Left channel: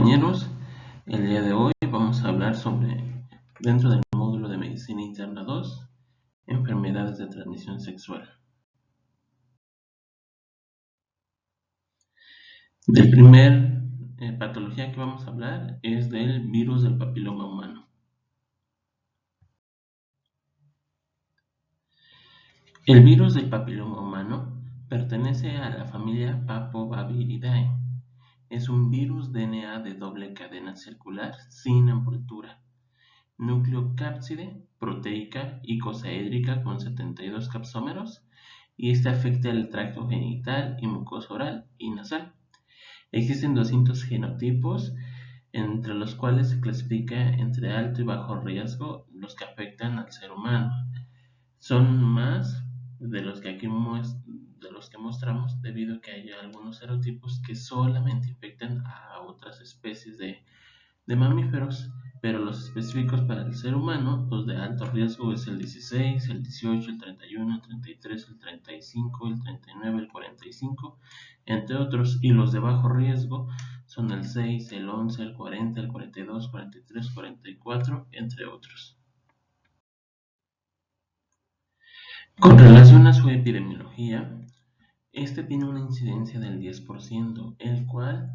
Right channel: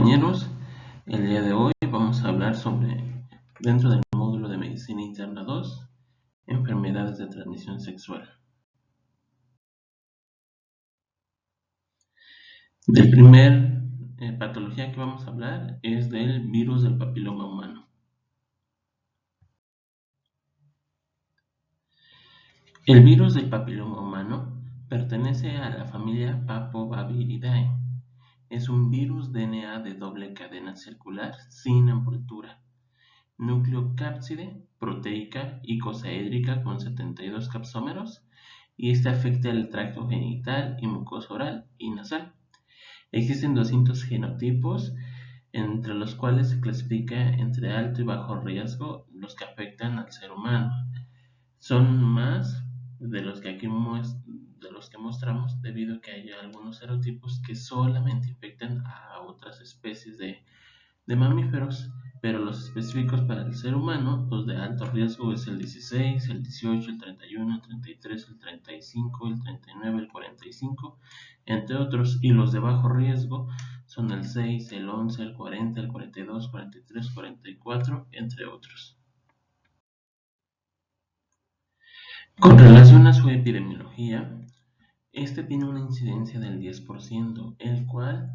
compañeros, el día de hoy vamos a hablar sobre, dentro del módulo de Medicina Interna 2, enfermedades de transmisión sexual. Del primer patología que vamos a hablar es del virus del papiloma humano. El virus del papiloma humano pertenece a la familia Papovibiridae. Es un virus DNA de doble cadena circular sin envoltura, nucleocápside proteica icosaédrica con 72 capsómeros, y este afecta el tracto genital y mucosa oral y nasal. Existen 200 genotipos, entre los cuales se clasifica entre alto y bajo riesgo los que afectan al ser humano. Son más de los que mostramos, debido a que hay algunos serotipos que solamente infectan a otras especies de mamíferos, pero los específicos para el ser humano, los de alto riesgo es el 16, el 18, el 31, el 33, el 35, el 39, el 45, entre otros, y los de bajo riesgo son el 6, el 11, el 40, el 42, 43, 44, entre otros. Con relación a su epidemiología, este tiene una incidencia del 10%, el cual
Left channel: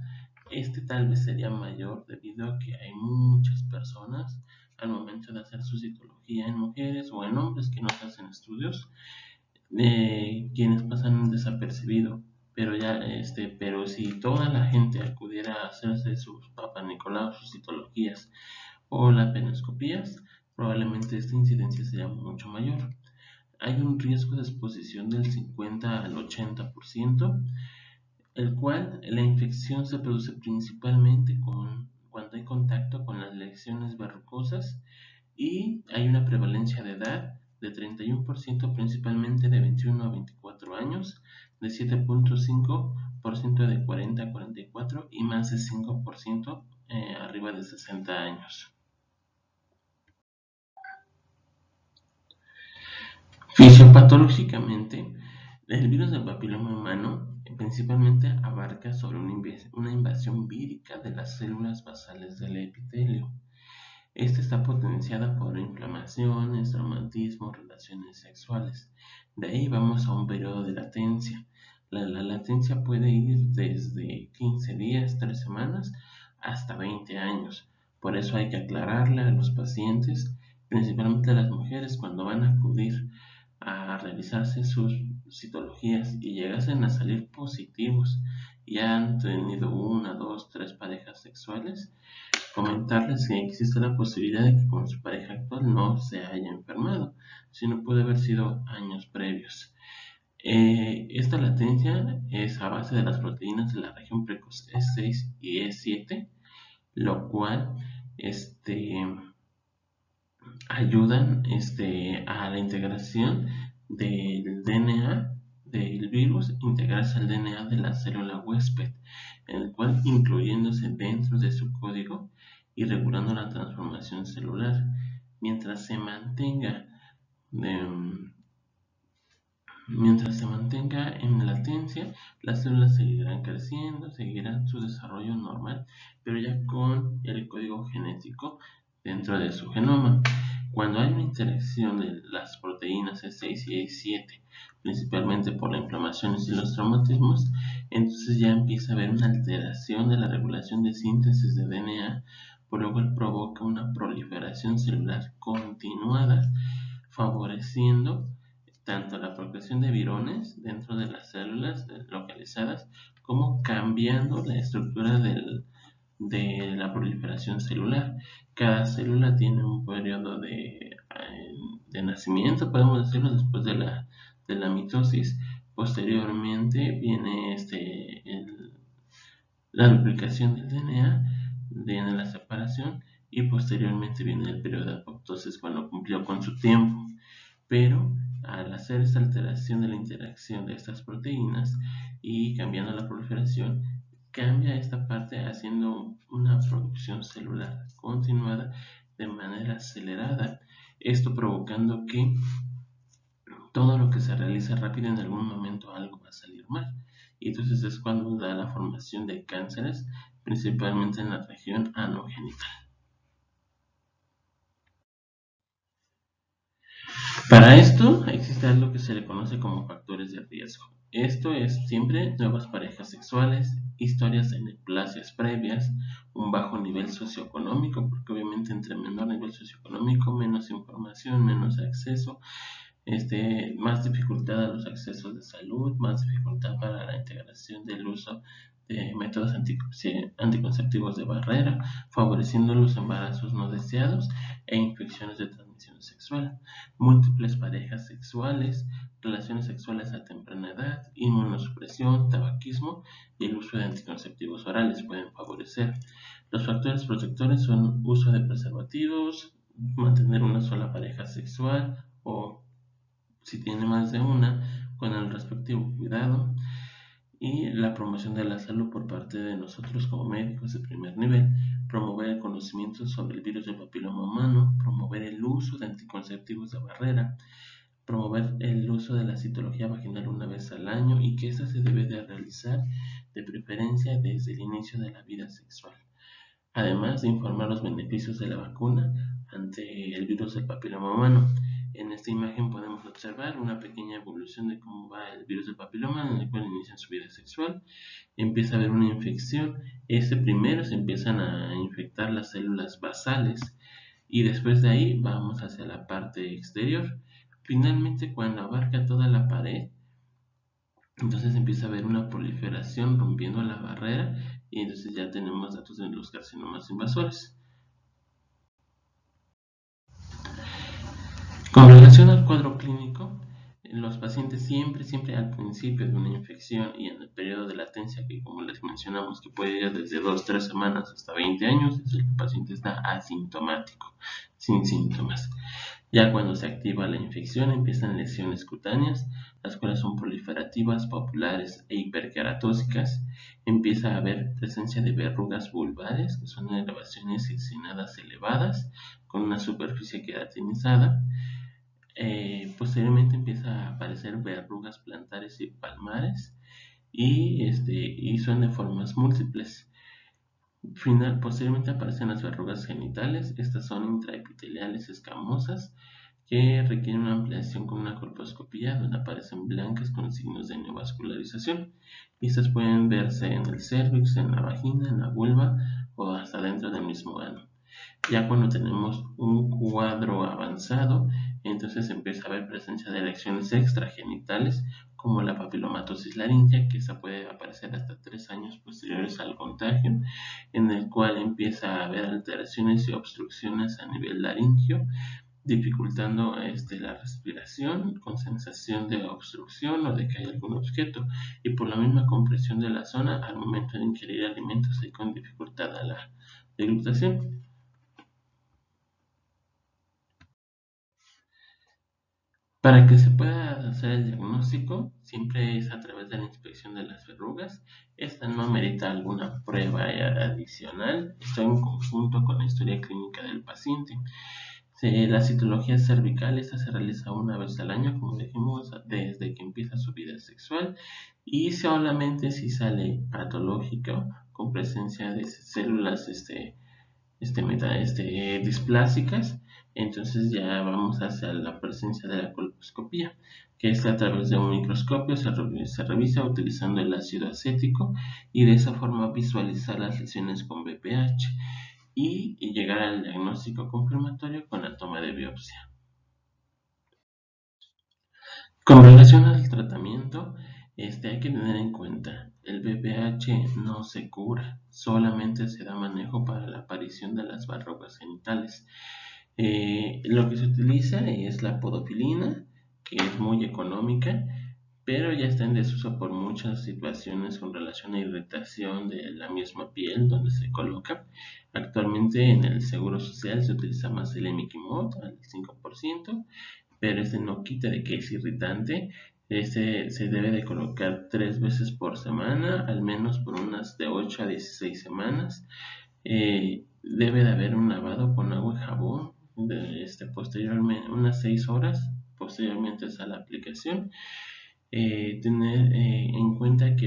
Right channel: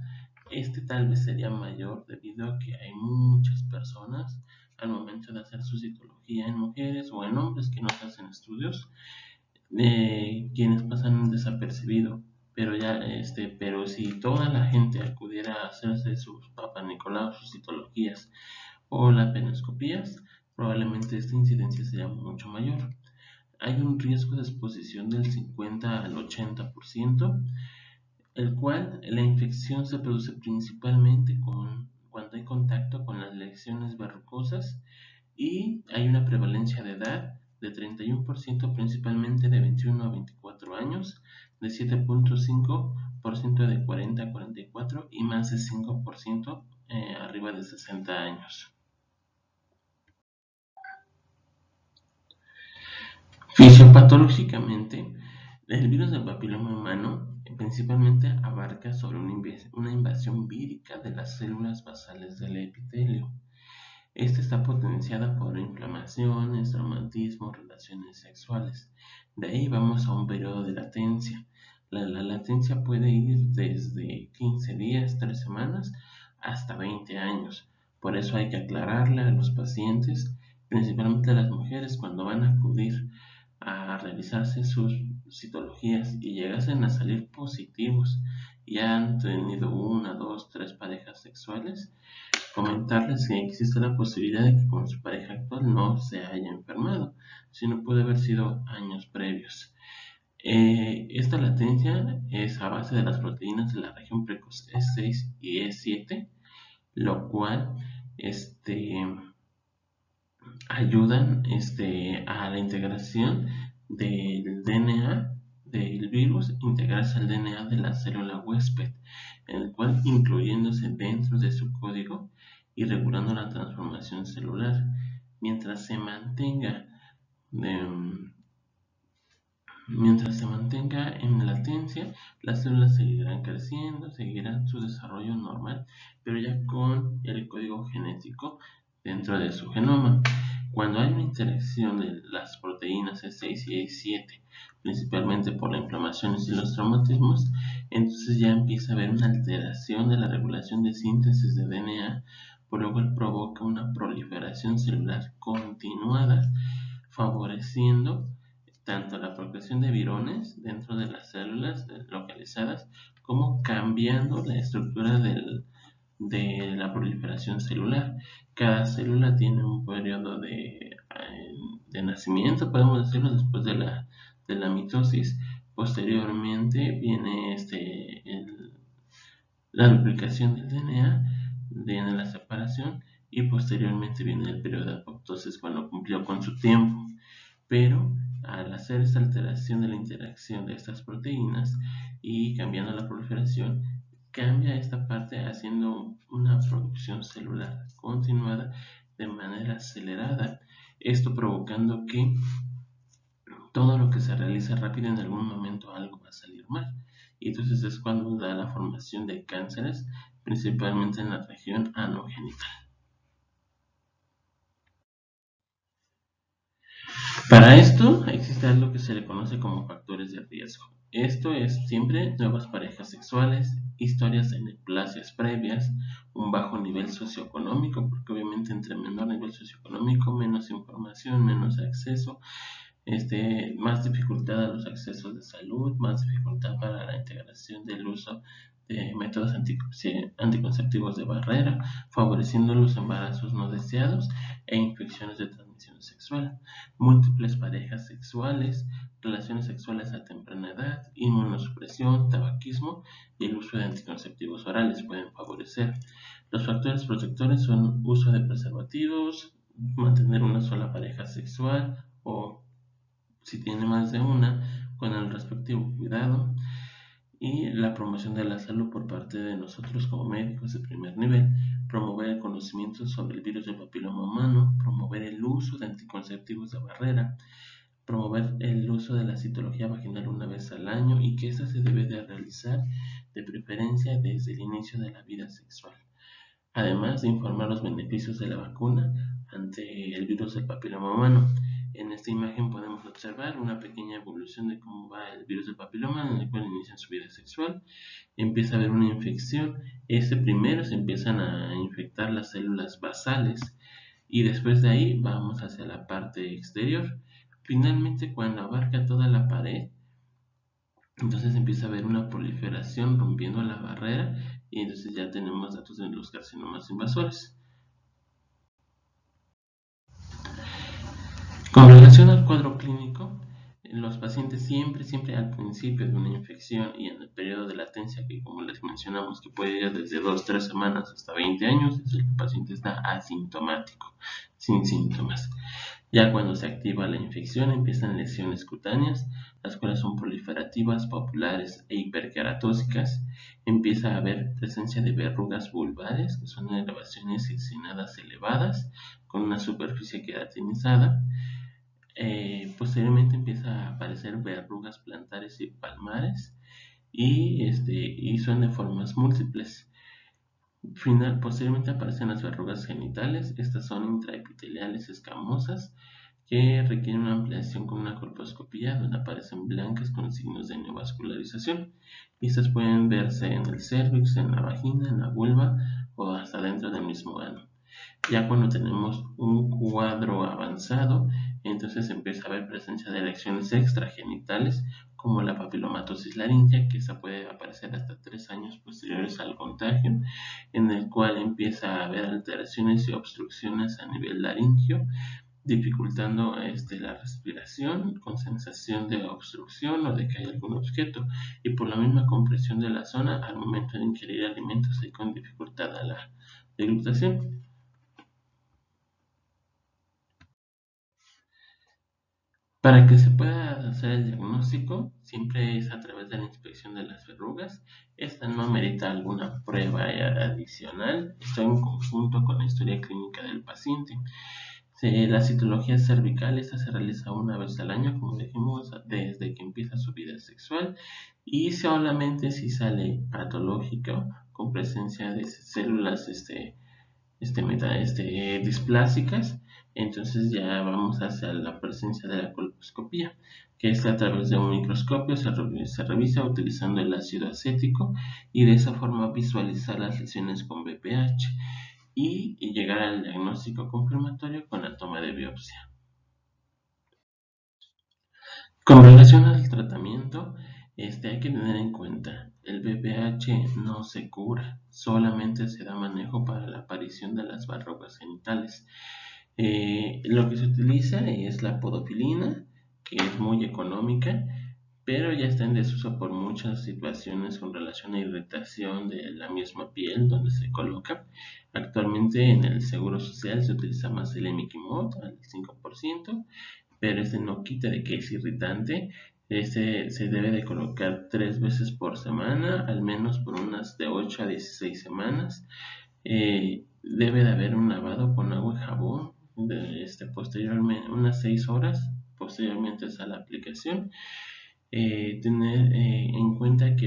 tal vez sería mayor debido a que hay muchas personas al momento de hacer su citología en mujeres o en hombres que no se hacen estudios, quienes pasan desapercibido. Pero si toda la gente acudiera a hacerse sus Papanicolau, sus citologías o laparoscopías, probablemente esta incidencia sería mucho mayor. Hay un riesgo de exposición del 50 al 80%, el cual la infección se produce principalmente cuando hay contacto con las lesiones verrucosas, y hay una prevalencia de edad de 31%, principalmente de 21 a 24 años, de 7.5% de 40 a 44 y más de 5% arriba de 60 años. Fisiopatológicamente, el virus del papiloma humano principalmente abarca sobre una invasión vírica de las células basales del epitelio. Esta está potenciada por inflamaciones, traumatismo, relaciones sexuales. De ahí vamos a un periodo de latencia. La latencia puede ir desde 15 días, 3 semanas, hasta 20 años. Por eso hay que aclararle a los pacientes, principalmente a las mujeres, cuando van a acudir a realizarse sus citologías y llegasen a salir positivos y han tenido 1, 2, 3 parejas sexuales, comentarles que existe la posibilidad de que con su pareja actual no se haya enfermado, sino puede haber sido años previos. Esta latencia es a base de las proteínas de la región precoz E6 y E7, lo cual ayudan a la integración del DNA del virus, integrarse al DNA de la célula huésped, el cual incluyéndose dentro de su código y regulando la transformación celular. Mientras se mantenga en latencia, las células seguirán creciendo, seguirán su desarrollo normal, pero ya con el código genético dentro de su genoma. Cuando hay una interacción de las proteínas E6 y E7, principalmente por las inflamaciones y los traumatismos, entonces ya empieza a haber una alteración de la regulación de síntesis de DNA, por lo cual provoca una proliferación celular continuada, favoreciendo tanto la procreación de virones dentro de las células localizadas, como cambiando la estructura de la proliferación celular. Cada célula tiene un periodo de nacimiento, podemos decirlo, después de la mitosis. Posteriormente viene la duplicación del DNA, viene la separación, y posteriormente viene el periodo de apoptosis, cuando cumplió con su tiempo. Pero al hacer esta alteración de la interacción de estas proteínas y cambiando la proliferación, cambia esta parte haciendo una producción celular continuada de manera acelerada, esto provocando que todo lo que se realiza rápido en algún momento algo va a salir mal, y entonces es cuando da la formación de cánceres, principalmente en la región anogenital. Para esto existe algo que se le conoce como factores de riesgo. Esto es siempre nuevas parejas sexuales, historias de neoplasias previas, un bajo nivel socioeconómico, porque obviamente entre menor nivel socioeconómico, menos información, menos acceso, más dificultad a los accesos de salud, más dificultad para la integración del uso de métodos anticonceptivos de barrera, favoreciendo los embarazos no deseados e infecciones de transmisión sexual, múltiples parejas sexuales, relaciones sexuales a temprana edad, inmunosupresión, tabaquismo y el uso de anticonceptivos orales pueden favorecer. Los factores protectores son uso de preservativos, mantener una sola pareja sexual o si tiene más de una, con el respectivo cuidado y la promoción de la salud por parte de nosotros como médicos de primer nivel, promover el conocimiento sobre el virus del papiloma humano, promover el uso de anticonceptivos de barrera, promover el uso de la citología vaginal una vez al año y que esta se debe de realizar de preferencia desde el inicio de la vida sexual. Además de informar los beneficios de la vacuna ante el virus del papiloma humano. En esta imagen podemos observar una pequeña evolución de cómo va el virus del papiloma, en el cual inicia su vida sexual, empieza a haber una infección, primero se empiezan a infectar las células basales y después de ahí vamos hacia la parte exterior. Finalmente, cuando abarca toda la pared, entonces empieza a haber una proliferación rompiendo la barrera y entonces ya tenemos datos de los carcinomas invasores. Con relación al cuadro clínico, los pacientes siempre al principio de una infección y en el periodo de latencia, que como les mencionamos que puede ir desde 2-3 semanas hasta 20 años, es el paciente está asintomático, sin síntomas. Ya cuando se activa la infección empiezan lesiones cutáneas, las cuales son proliferativas, papulares e hiperqueratósicas. Empieza a haber presencia de verrugas vulvares, que son elevaciones inclinadas elevadas, con una superficie queratinizada. Posteriormente empieza a aparecer verrugas plantares y palmares y son de formas múltiples. Posteriormente aparecen las verrugas genitales. Estas son intraepiteliales escamosas que requieren una ampliación con una colposcopía donde aparecen blancas con signos de neovascularización. Estas pueden verse en el cervix, en la vagina, en la vulva o hasta dentro del mismo ano. Ya cuando tenemos un cuadro avanzado, entonces empieza a haber presencia de lesiones extragenitales como la papilomatosis laringia, que esa puede aparecer hasta 3 años posteriores al contagio, en el cual empieza a haber alteraciones y obstrucciones a nivel laringio, dificultando la respiración con sensación de obstrucción o de que hay algún objeto, y por la misma compresión de la zona al momento de ingerir alimentos y con dificultad a la deglutación. Para que se pueda hacer el diagnóstico, siempre es a través de la inspección de las verrugas. Esta no amerita alguna prueba adicional, está en conjunto con la historia clínica del paciente. La citología cervical, esta se realiza una vez al año, como dijimos, desde que empieza su vida sexual, y solamente si sale patológico con presencia de células displásicas, entonces ya vamos hacia la presencia de la colposcopía, que es a través de un microscopio, se revisa utilizando el ácido acético y de esa forma visualizar las lesiones con BPH y llegar al diagnóstico confirmatorio con la toma de biopsia. Con relación al tratamiento, hay que tener en cuenta, el BPH no se cura, solamente se da manejo para la aparición de las verrugas genitales. Lo que se utiliza es la podofilina, que es muy económica, pero ya está en desuso por muchas situaciones con relación a irritación de la misma piel donde se coloca. Actualmente en el Seguro Social se utiliza más el Emiquimod al 5%, pero no quita de que es irritante. Se debe de colocar 3 veces por semana, al menos por unas de 8 a 16 semanas. Debe de haber un lavado con agua y jabón posteriormente, unas 6 horas posteriormente a la aplicación. Tener en cuenta que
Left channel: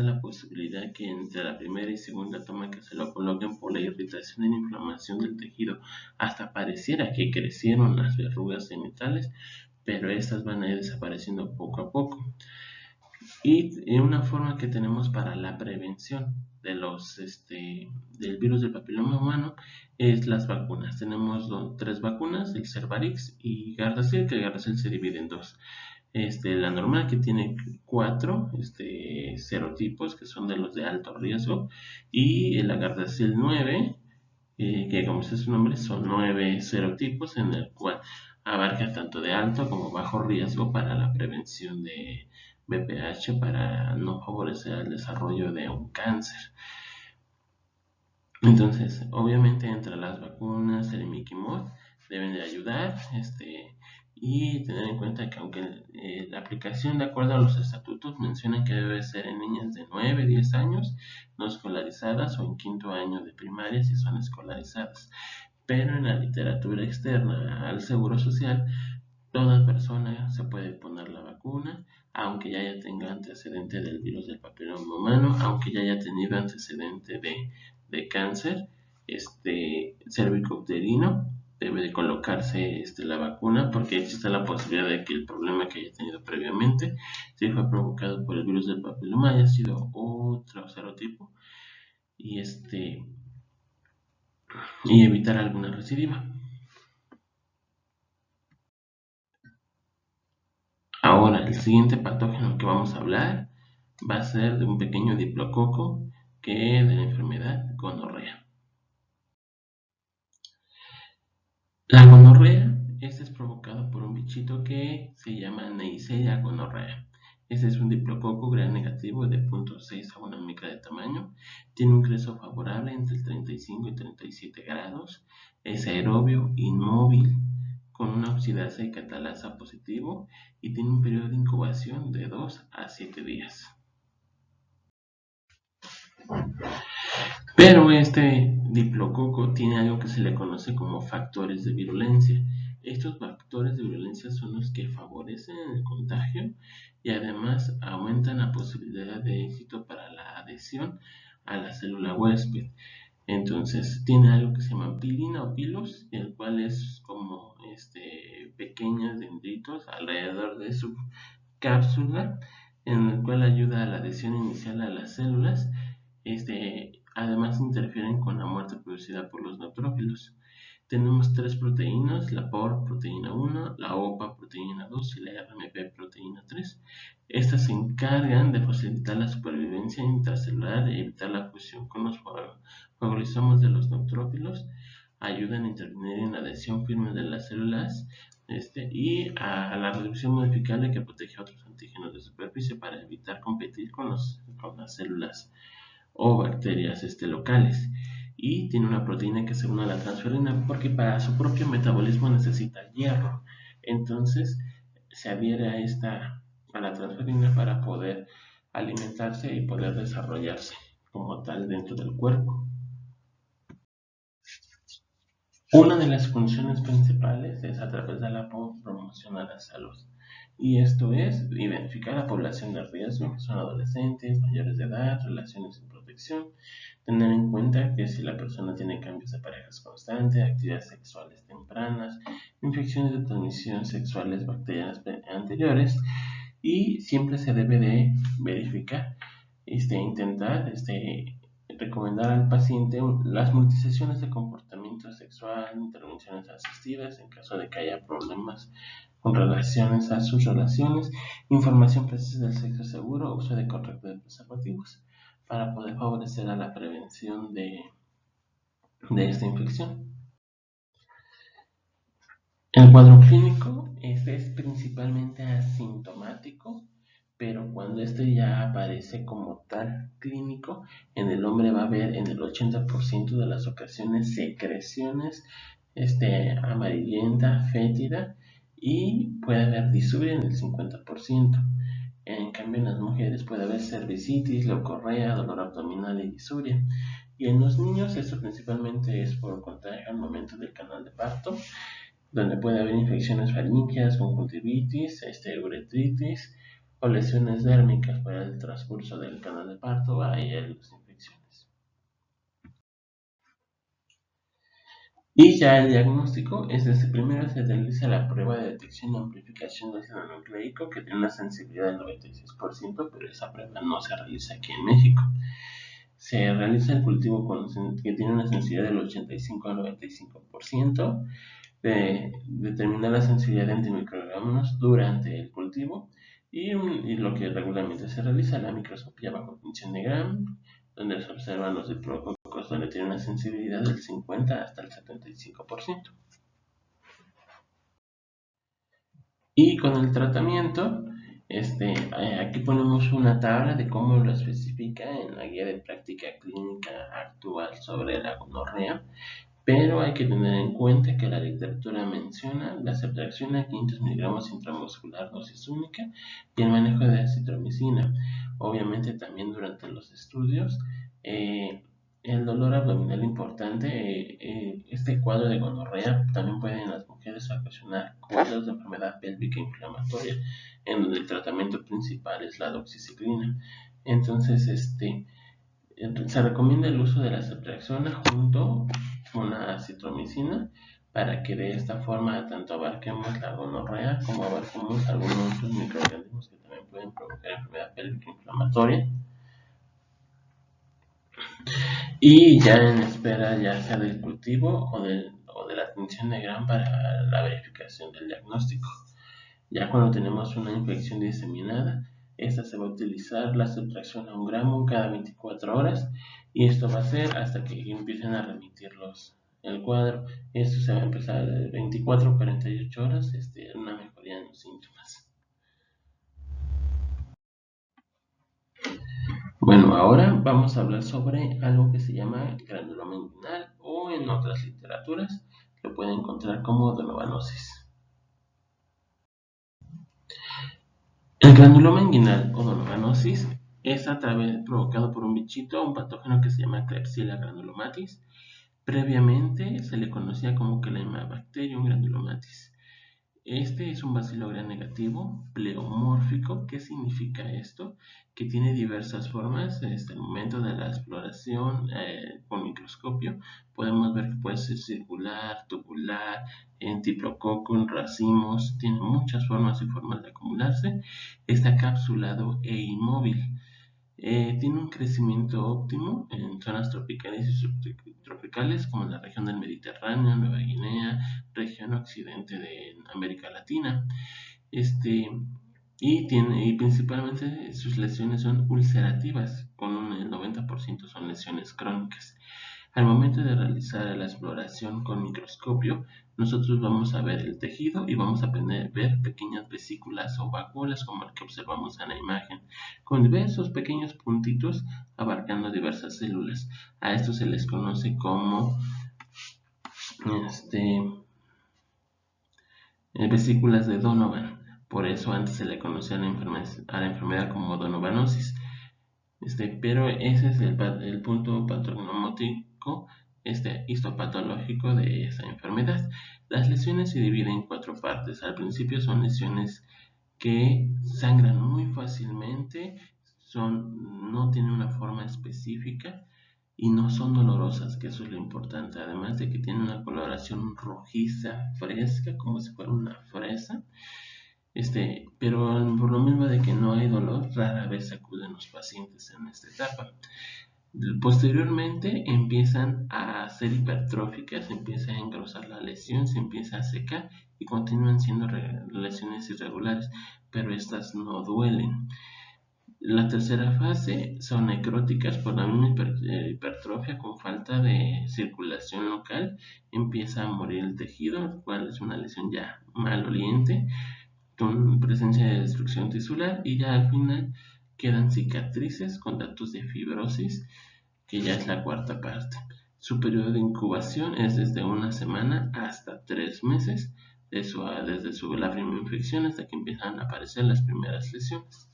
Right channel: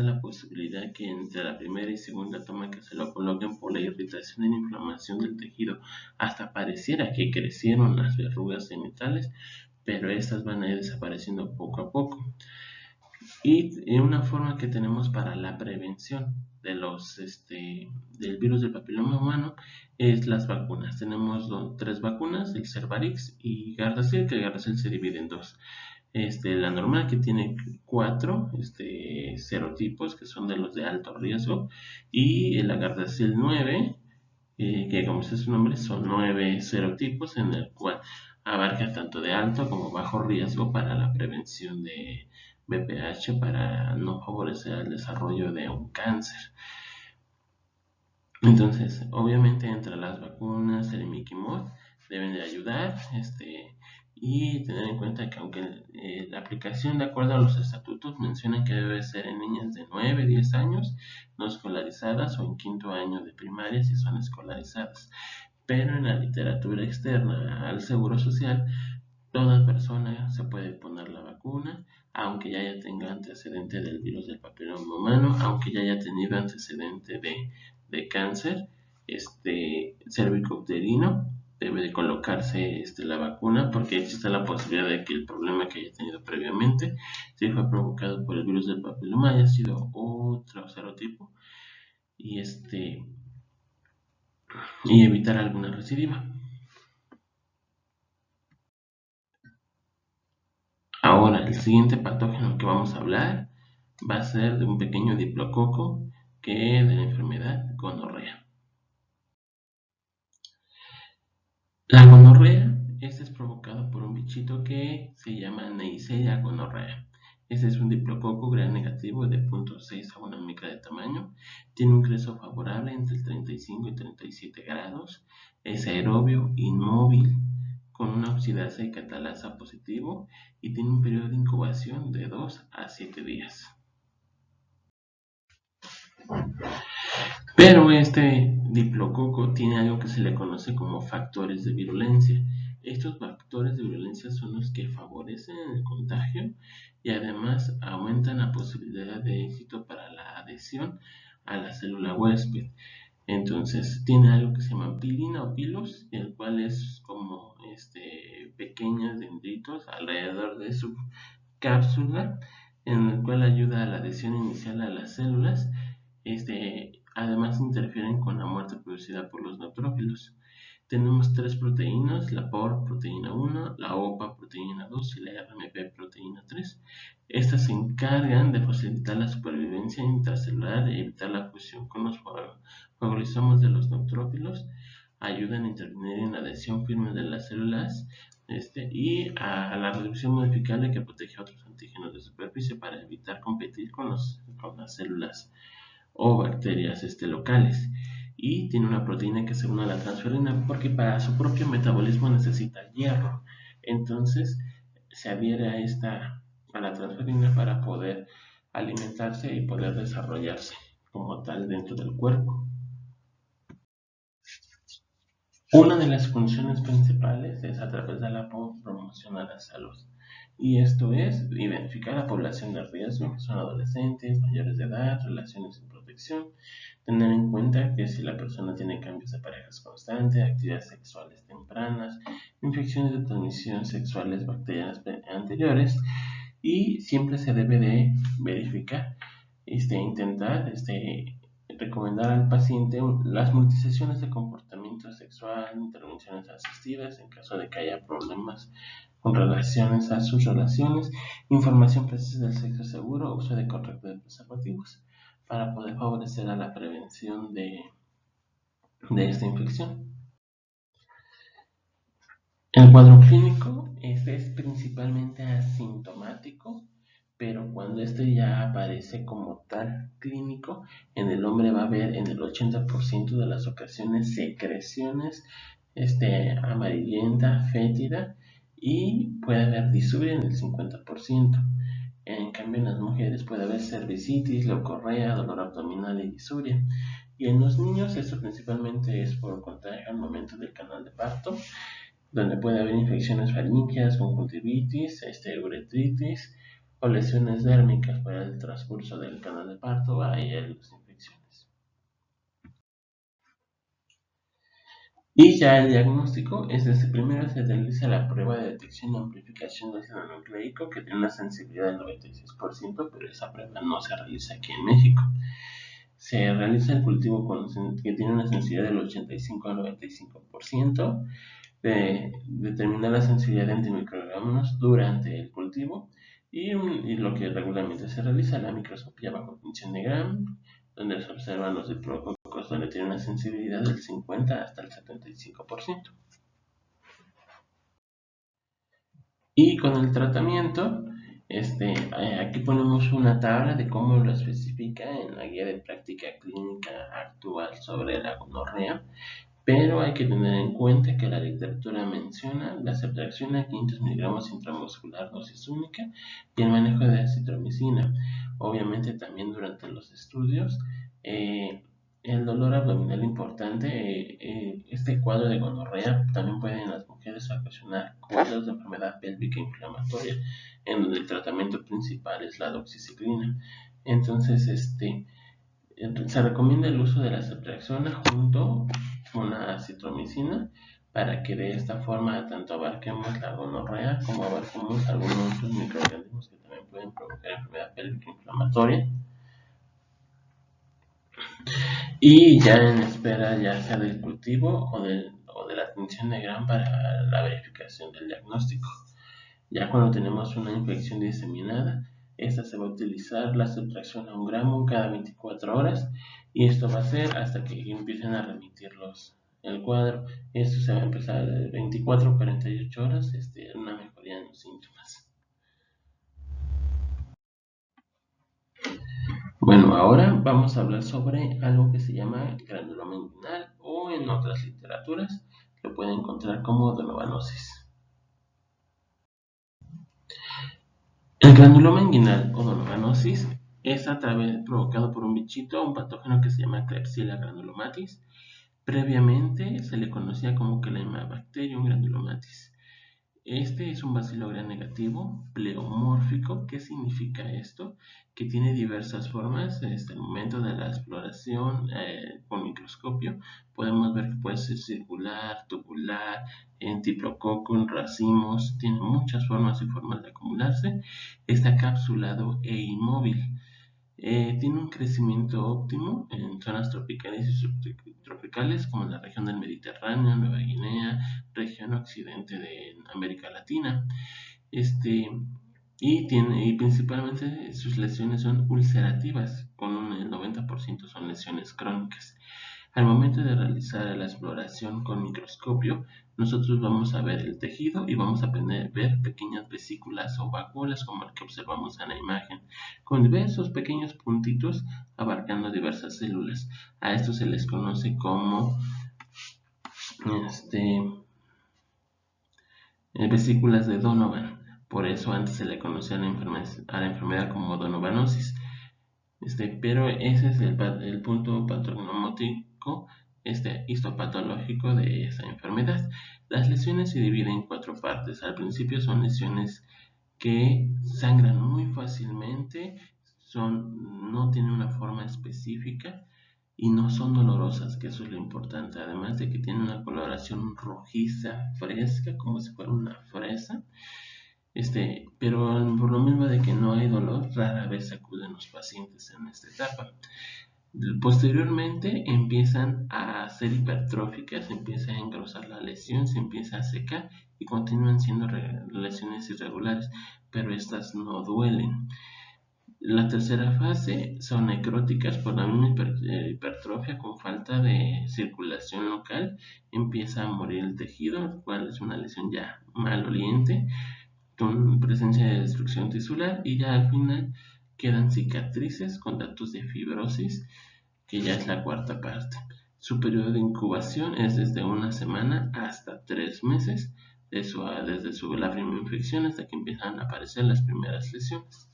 existe la posibilidad que entre la primera y segunda toma que se lo coloquen por la irritación y la inflamación del tejido, hasta pareciera que crecieron las verrugas genitales, pero estas van a ir desapareciendo poco a poco. Y una forma que tenemos para la prevención de del virus del papiloma humano es las vacunas. Tenemos tres vacunas, el Cervarix y Gardasil, que el Gardasil se divide en dos. La normal, que tiene cuatro serotipos, que son de los de alto riesgo, y el Gardasil 9, que como dice su nombre, son 9 serotipos, en el cual abarca tanto de alto como bajo riesgo para la prevención de BPH, para no favorecer el desarrollo de un cáncer. Entonces, obviamente entre las vacunas, el Mickey Mouse deben de ayudar, y tener en cuenta que aunque la aplicación, de acuerdo a los estatutos, menciona que debe ser en niñas de 9, 10 años no escolarizadas, o en quinto año de primaria si son escolarizadas. Pero en la literatura externa al Seguro Social, toda persona se puede poner la vacuna, aunque ya tenga antecedente del virus del papiloma humano, aunque ya haya tenido antecedente de cáncer cervicouterino, debe de colocarse la vacuna, porque existe la posibilidad de que el problema que haya tenido previamente, si fue provocado por el virus del papiloma, haya sido otro serotipo, y y evitar alguna recidiva. Ahora, el siguiente patógeno que vamos a hablar va a ser de un pequeño diplococo que de la enfermedad gonorrea. La gonorrea es provocada por un bichito que se llama Neisseria gonorrea. Este es un diplococo gram negativo de 0.6 a 1 micra de tamaño. Tiene un creso favorable entre el 35 y 37 grados. Es aerobio, inmóvil, con una oxidasa y catalasa positivo, y tiene un periodo de incubación de 2 a 7 días. Pero este diplococo tiene algo que se le conoce como factores de virulencia. Estos factores de virulencia son los que favorecen el contagio y además aumentan la posibilidad de éxito para la adhesión a la célula huésped. Entonces tiene algo que se llama pilina o pilos, el cual es como pequeños dendritos alrededor de su cápsula, en el cual ayuda a la adhesión inicial a las células. Además interfieren con la muerte producida por los neutrófilos. Tenemos tres proteínas: la POR proteína 1, la OPA proteína 2 y la RMP proteína 3. Estas se encargan de facilitar la supervivencia intracelular y evitar la fusión con los fagolisomas de los neutrófilos. Ayudan a intervenir en la adhesión firme de las células, y a la reducción modificable, que protege a otros antígenos de superficie para evitar competir con las células o bacterias locales. Y tiene una proteína que se une a la transferina, porque para su propio metabolismo necesita hierro. Entonces se adhiere a la transferina para poder alimentarse y poder desarrollarse como tal dentro del cuerpo. Una de las funciones principales es, a través de la promoción a la salud, y esto es identificar a la población de riesgo, que son adolescentes, mayores de edad, relaciones sin protección, tener en cuenta que si la persona tiene cambios de parejas constantes, actividades sexuales tempranas, infecciones de transmisión sexuales bacterianas anteriores, y siempre se debe de verificar, intentar recomendar al paciente las multisesiones de comportamiento sexual, intervenciones asistidas en caso de que haya problemas con relaciones a sus relaciones, información precisa del sexo seguro, uso de correcto de preservativos, para poder favorecer a la prevención de esta infección. El cuadro clínico es principalmente asintomático, pero cuando ya aparece como tal clínico, en el hombre va a haber en el 80% de las ocasiones secreciones amarillenta, fétida, y puede haber disuria en el 50%. En cambio, en las mujeres puede haber cervicitis, leucorrea, dolor abdominal y disuria. Y en los niños esto principalmente es por contagio al momento del canal de parto, donde puede haber infecciones faríngeas, conjuntivitis, uretritis, o lesiones dérmicas para el transcurso del canal de parto, hay las infecciones. Y ya el diagnóstico es desde primero se realiza la prueba de detección y amplificación del ácido nucleico, que tiene una sensibilidad del 96%, pero esa prueba no se realiza aquí en México. Se realiza el cultivo que tiene una sensibilidad del 85 al 95%, de determinar la sensibilidad de antimicrobianos durante el cultivo y lo que regularmente se realiza, la microscopía bajo tinción de Gram, donde se observan los diplococos, donde tiene una sensibilidad del 50 hasta el 75%. Y con el tratamiento, aquí ponemos una tabla de cómo lo especifica en la guía de práctica clínica actual sobre la gonorrea, pero hay que tener en cuenta que la literatura menciona la subtracción a 500 miligramos intramuscular dosis única y el manejo de acitromicina. Obviamente también durante los estudios, el dolor abdominal importante, este cuadro de gonorrea también puede en las mujeres ocasionar cuadros de enfermedad pélvica inflamatoria, en donde el tratamiento principal es la doxiciclina. Entonces, se recomienda el uso de la ceftriaxona junto con la acitromicina para que de esta forma tanto abarquemos la gonorrea como abarquemos algunos otros microorganismos que también pueden provocar enfermedad pélvica inflamatoria. Y ya en espera ya sea del cultivo o de la tinción de Gram para la verificación del diagnóstico. Ya cuando tenemos una infección diseminada, esta se va a utilizar la subtracción a 1 gramo cada 24 horas y esto va a ser hasta que empiecen a remitir el cuadro. Esto se va a empezar de 24 a 48 horas, una mejoría en los síntomas. Bueno, ahora vamos a hablar sobre algo que se llama granuloma inguinal o en otras literaturas lo pueden encontrar como donovanosis. El granuloma inguinal o donovanosis es provocado por un bichito, un patógeno que se llama Klebsiella granulomatis. Previamente se le conocía como Chlamydia granulomatis. Este es un bacilo gram negativo, pleomórfico. ¿Qué significa esto? Que tiene diversas formas. Desde el momento de la exploración con microscopio podemos ver que puede ser circular, tubular, en diplococo, en racimos. Tiene muchas formas y formas de acumularse. Está capsulado e inmóvil. Tiene un crecimiento óptimo en zonas tropicales y subtropicales como en la región del Mediterráneo, Nueva Guinea, región occidente de América Latina. Y principalmente sus lesiones son ulcerativas, con el 90% son lesiones crónicas. Al momento de realizar la exploración con microscopio, nosotros vamos a ver el tejido y vamos a ver pequeñas vesículas o vacuolas como el que observamos en la imagen, con diversos pequeños puntitos abarcando diversas células. A esto se les conoce como vesículas de Donovan. Por eso antes se le conocía a la enfermedad como donovanosis. Pero ese es el punto patognomónico histopatológico de esa enfermedad. Las lesiones se dividen en 4 partes. Al principio son lesiones que sangran muy fácilmente, no tienen una forma específica y no son dolorosas, que eso es lo importante. Además de que tienen una coloración rojiza, fresca, como si fuera una fresa. Pero por lo mismo de que no hay dolor, rara vez acuden los pacientes en esta etapa. Posteriormente empiezan a ser hipertróficas, se empieza a engrosar la lesión, se empieza a secar y continúan siendo lesiones irregulares, pero estas no duelen. La tercera fase son necróticas por la misma hipertrofia con falta de circulación local, empieza a morir el tejido, lo cual es una lesión ya maloliente, con presencia de destrucción tisular, y ya al final quedan cicatrices con datos de fibrosis, que ya es la cuarta parte. Su periodo de incubación es desde 1 semana hasta 3 meses, desde la primera infección hasta que empiezan a aparecer las primeras lesiones.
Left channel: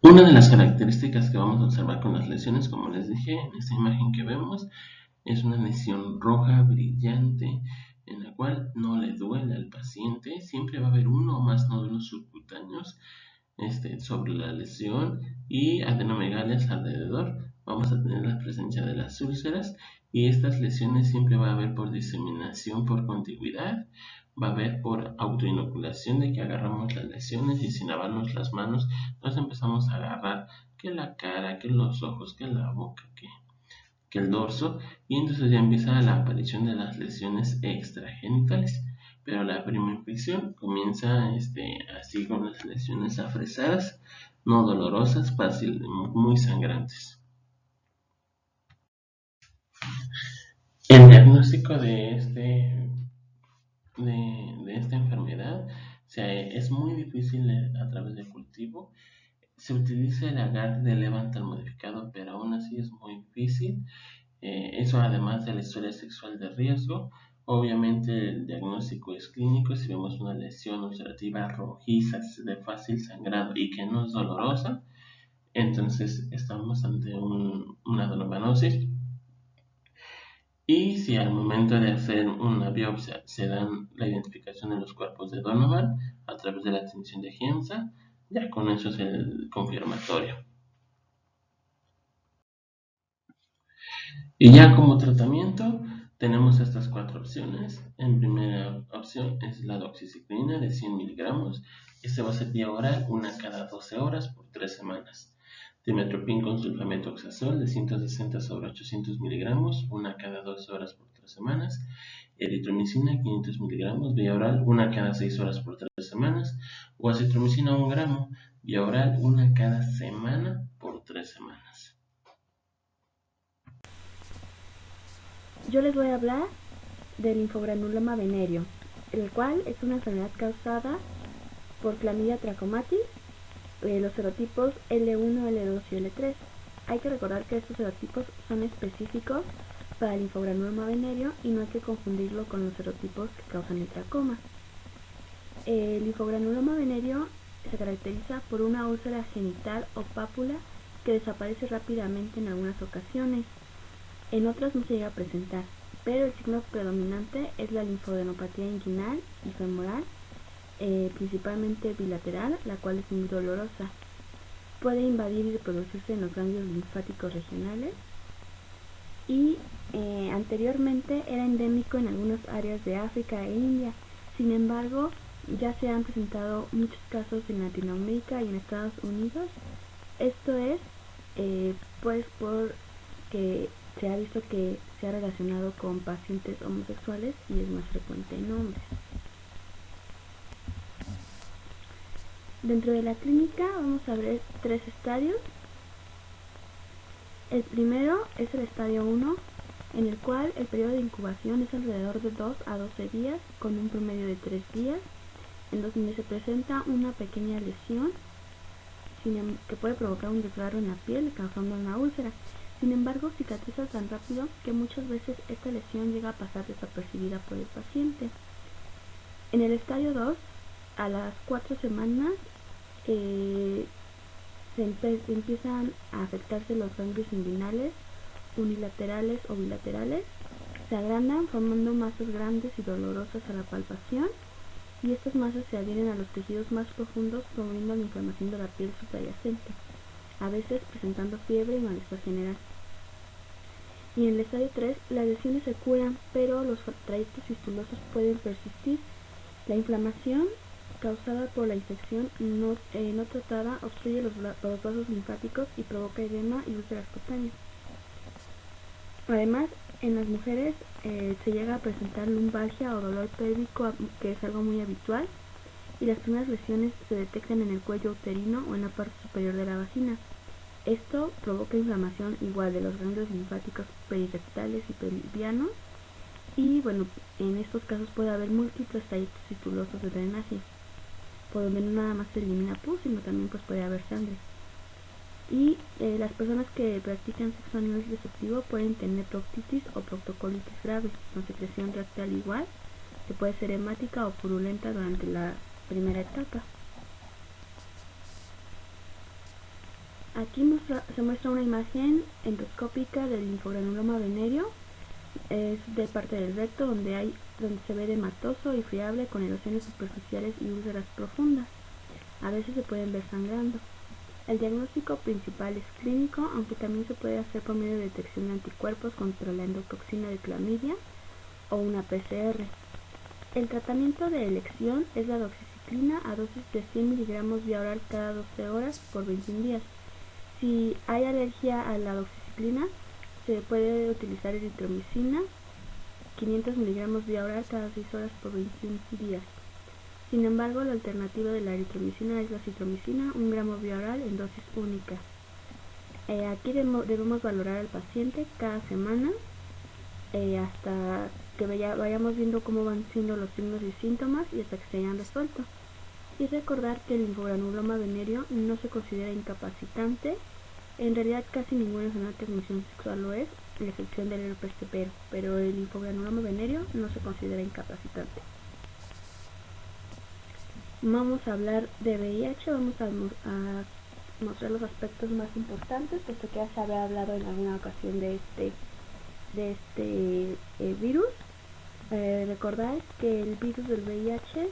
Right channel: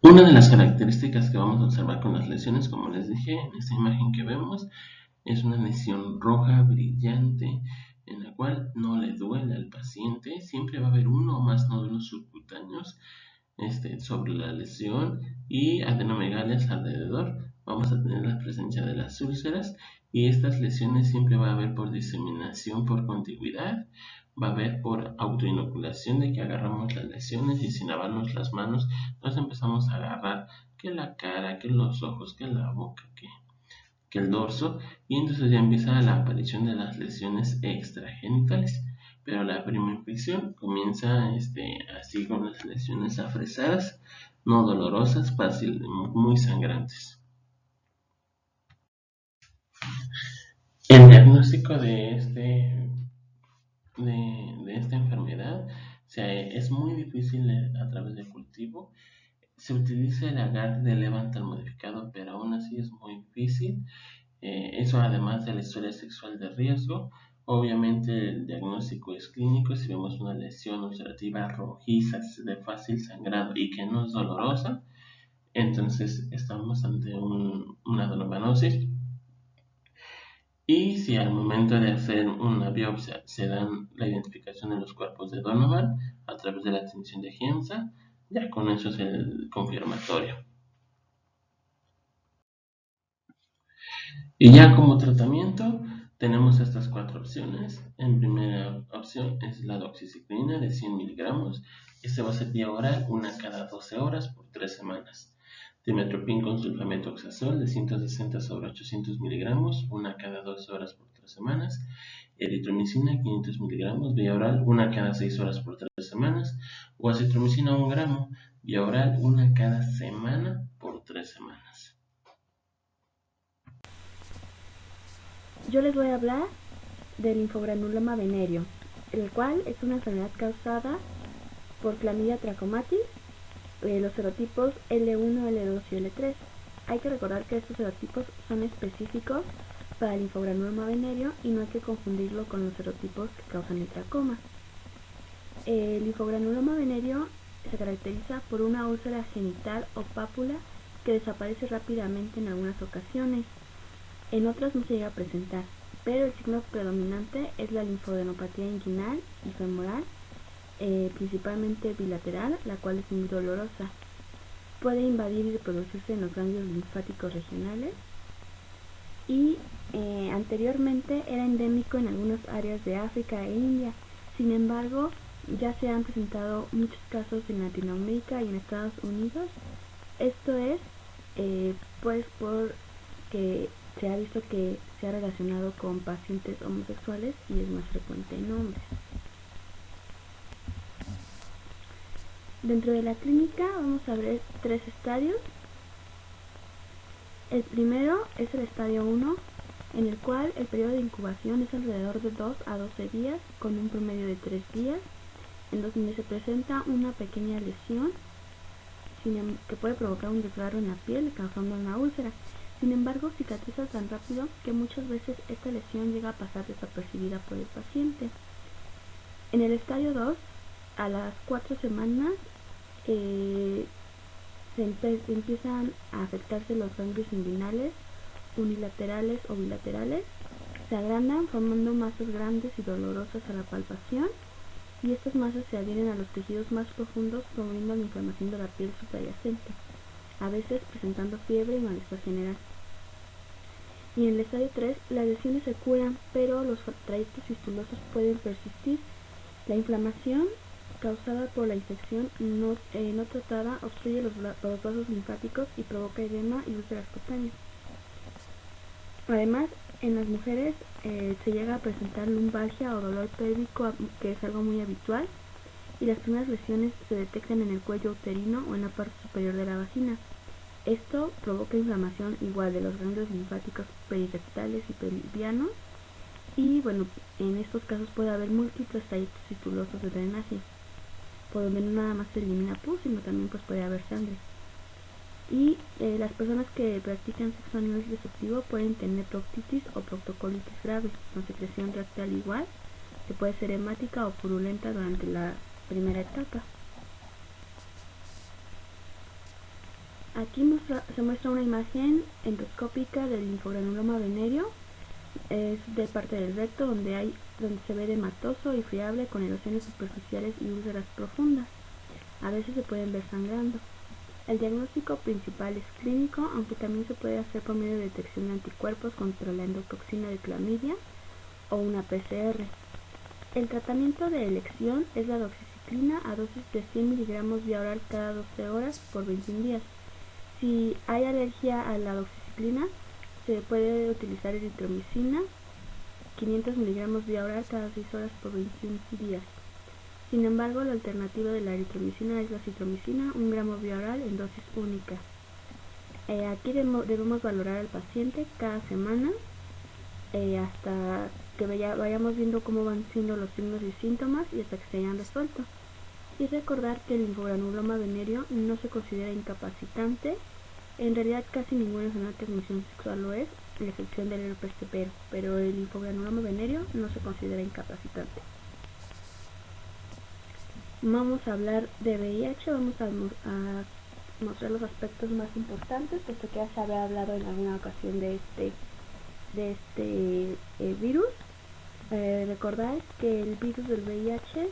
Una de las características que vamos a observar con las lesiones, como les dije, en esta imagen que vemos, es una lesión roja, brillante, en la cual no le duele al paciente. Siempre va a haber uno o más nódulos subcutáneos sobre la lesión y adenomegalias alrededor. Vamos a tener la presencia de las úlceras y estas lesiones siempre va a haber por diseminación por contigüidad, va a haber por autoinoculación de que agarramos las lesiones y sin lavarnos las manos nos empezamos a agarrar que la cara, que los ojos, que la boca, que el dorso, y entonces ya empieza la aparición de las lesiones extragenitales. Pero la primera infección comienza así con las lesiones afresadas, no dolorosas, muy sangrantes. El diagnóstico de esta enfermedad es muy difícil a través del cultivo. Se utiliza el agar de Levantal modificado, pero aún así es muy difícil. Eso además de la historia sexual de riesgo. Obviamente el diagnóstico es clínico. Si vemos una lesión ulcerativa rojiza de fácil sangrado y que no es dolorosa, entonces estamos ante una adenomanosis. Y si al momento de hacer una biopsia se dan la identificación de los cuerpos de Donovan a través de la tinción de Giemsa, ya con eso es el confirmatorio. Y ya como tratamiento tenemos estas 4 opciones. En primera opción es la doxiciclina de 100 miligramos. Este va a ser vía oral, una cada 12 horas por 3 semanas. Dimetropin con sulfametoxazol de 160 sobre 800 miligramos, una cada 12 horas por 3 semanas. Eritromicina 500 miligramos vía oral, una cada 6 horas por 3 semanas. O acitromicina 1 gramo vía oral, una cada semana por 3 semanas. Yo les voy a hablar del linfogranuloma venéreo, el cual es una enfermedad causada por Chlamydia trachomatis, los serotipos L1, L2 y L3. Hay que recordar que estos serotipos son específicos para el linfogranuloma venéreo y no hay que confundirlo con los serotipos que causan el tracoma. El linfogranuloma venéreo se caracteriza por una úlcera genital o pápula que desaparece rápidamente en algunas ocasiones. En otras no se llega a presentar, pero el signo predominante es la linfoadenopatía inguinal y femoral, principalmente bilateral, la cual es muy dolorosa. Puede invadir y reproducirse en los ganglios linfáticos regionales y anteriormente era endémico en algunas áreas de África e India. Sin embargo, ya se han presentado muchos casos en Latinoamérica y en Estados Unidos. Esto es pues porque se ha visto que se ha relacionado con pacientes homosexuales y es más frecuente en hombres. Dentro de la clínica vamos a ver 3 estadios. El primero es el estadio 1, en el cual el periodo de incubación es alrededor de 2 a 12 días, con un promedio de 3 días, en donde se presenta una pequeña lesión que puede provocar un desgarro en la piel, causando una úlcera. Sin embargo, cicatriza tan rápido que muchas veces esta lesión llega a pasar desapercibida por el paciente. En el estadio 2, a las 4 semanas, empiezan a afectarse los ganglios inguinales, unilaterales o bilaterales, se agrandan formando masas grandes y dolorosas a la palpación, y estas masas se adhieren a los tejidos más profundos, promoviendo la inflamación de la piel subyacente, a veces presentando fiebre y malestar general. Y en el estadio 3, las lesiones se curan, pero los trayectos fistulosos pueden persistir. La inflamación causada por la infección no tratada obstruye los vasos linfáticos y provoca edema y úlceras cutáneas. Además, en las mujeres se llega a presentar lumbalgia o dolor pélvico, que es algo muy habitual, y las primeras lesiones se detectan en el cuello uterino o en la parte superior de la vagina. Esto provoca inflamación igual de los ganglios linfáticos perirectales y pelvianos, y bueno, en estos casos puede haber múltiples trayectos fistulosos de drenaje, por donde no nada más se elimina pus, sino también pues puede haber sangre. Y las personas que practican sexo a nivel receptivo pueden tener proctitis o proctocolitis grave, con secreción rectal igual, que puede ser hemática o purulenta durante la primera etapa. Aquí se muestra una imagen endoscópica del linfogranuloma venéreo, Es de parte del recto donde se ve edematoso y friable con erosiones superficiales y úlceras profundas. A veces se pueden ver sangrando. El diagnóstico principal es clínico, aunque también se puede hacer por medio de detección de anticuerpos contra la endotoxina de clamidia o una PCR. El tratamiento de elección es la doxiciclina a dosis de 100 miligramos vía oral cada 12 horas por 21 días. Si hay alergia a la doxiciclina, se puede utilizar eritromicina, 500 miligramos vía oral cada 6 horas por 21 días. Sin embargo, la alternativa de la eritromicina es la citromicina, 1 gramo vía oral en dosis única. Aquí debemos valorar al paciente cada semana hasta que vayamos viendo cómo van siendo los signos y síntomas y hasta que se hayan resuelto. Y recordar que el linfogranuloma venérea no se considera incapacitante. En realidad casi ninguna enfermedad de transmisión sexual lo es, a la excepción del herpes temporal, pero el linfogranuloma venérea no se considera incapacitante. Vamos a hablar de VIH, vamos a mostrar los aspectos más importantes, puesto que ya se había hablado en alguna ocasión de este virus. Recordar que el virus del VIH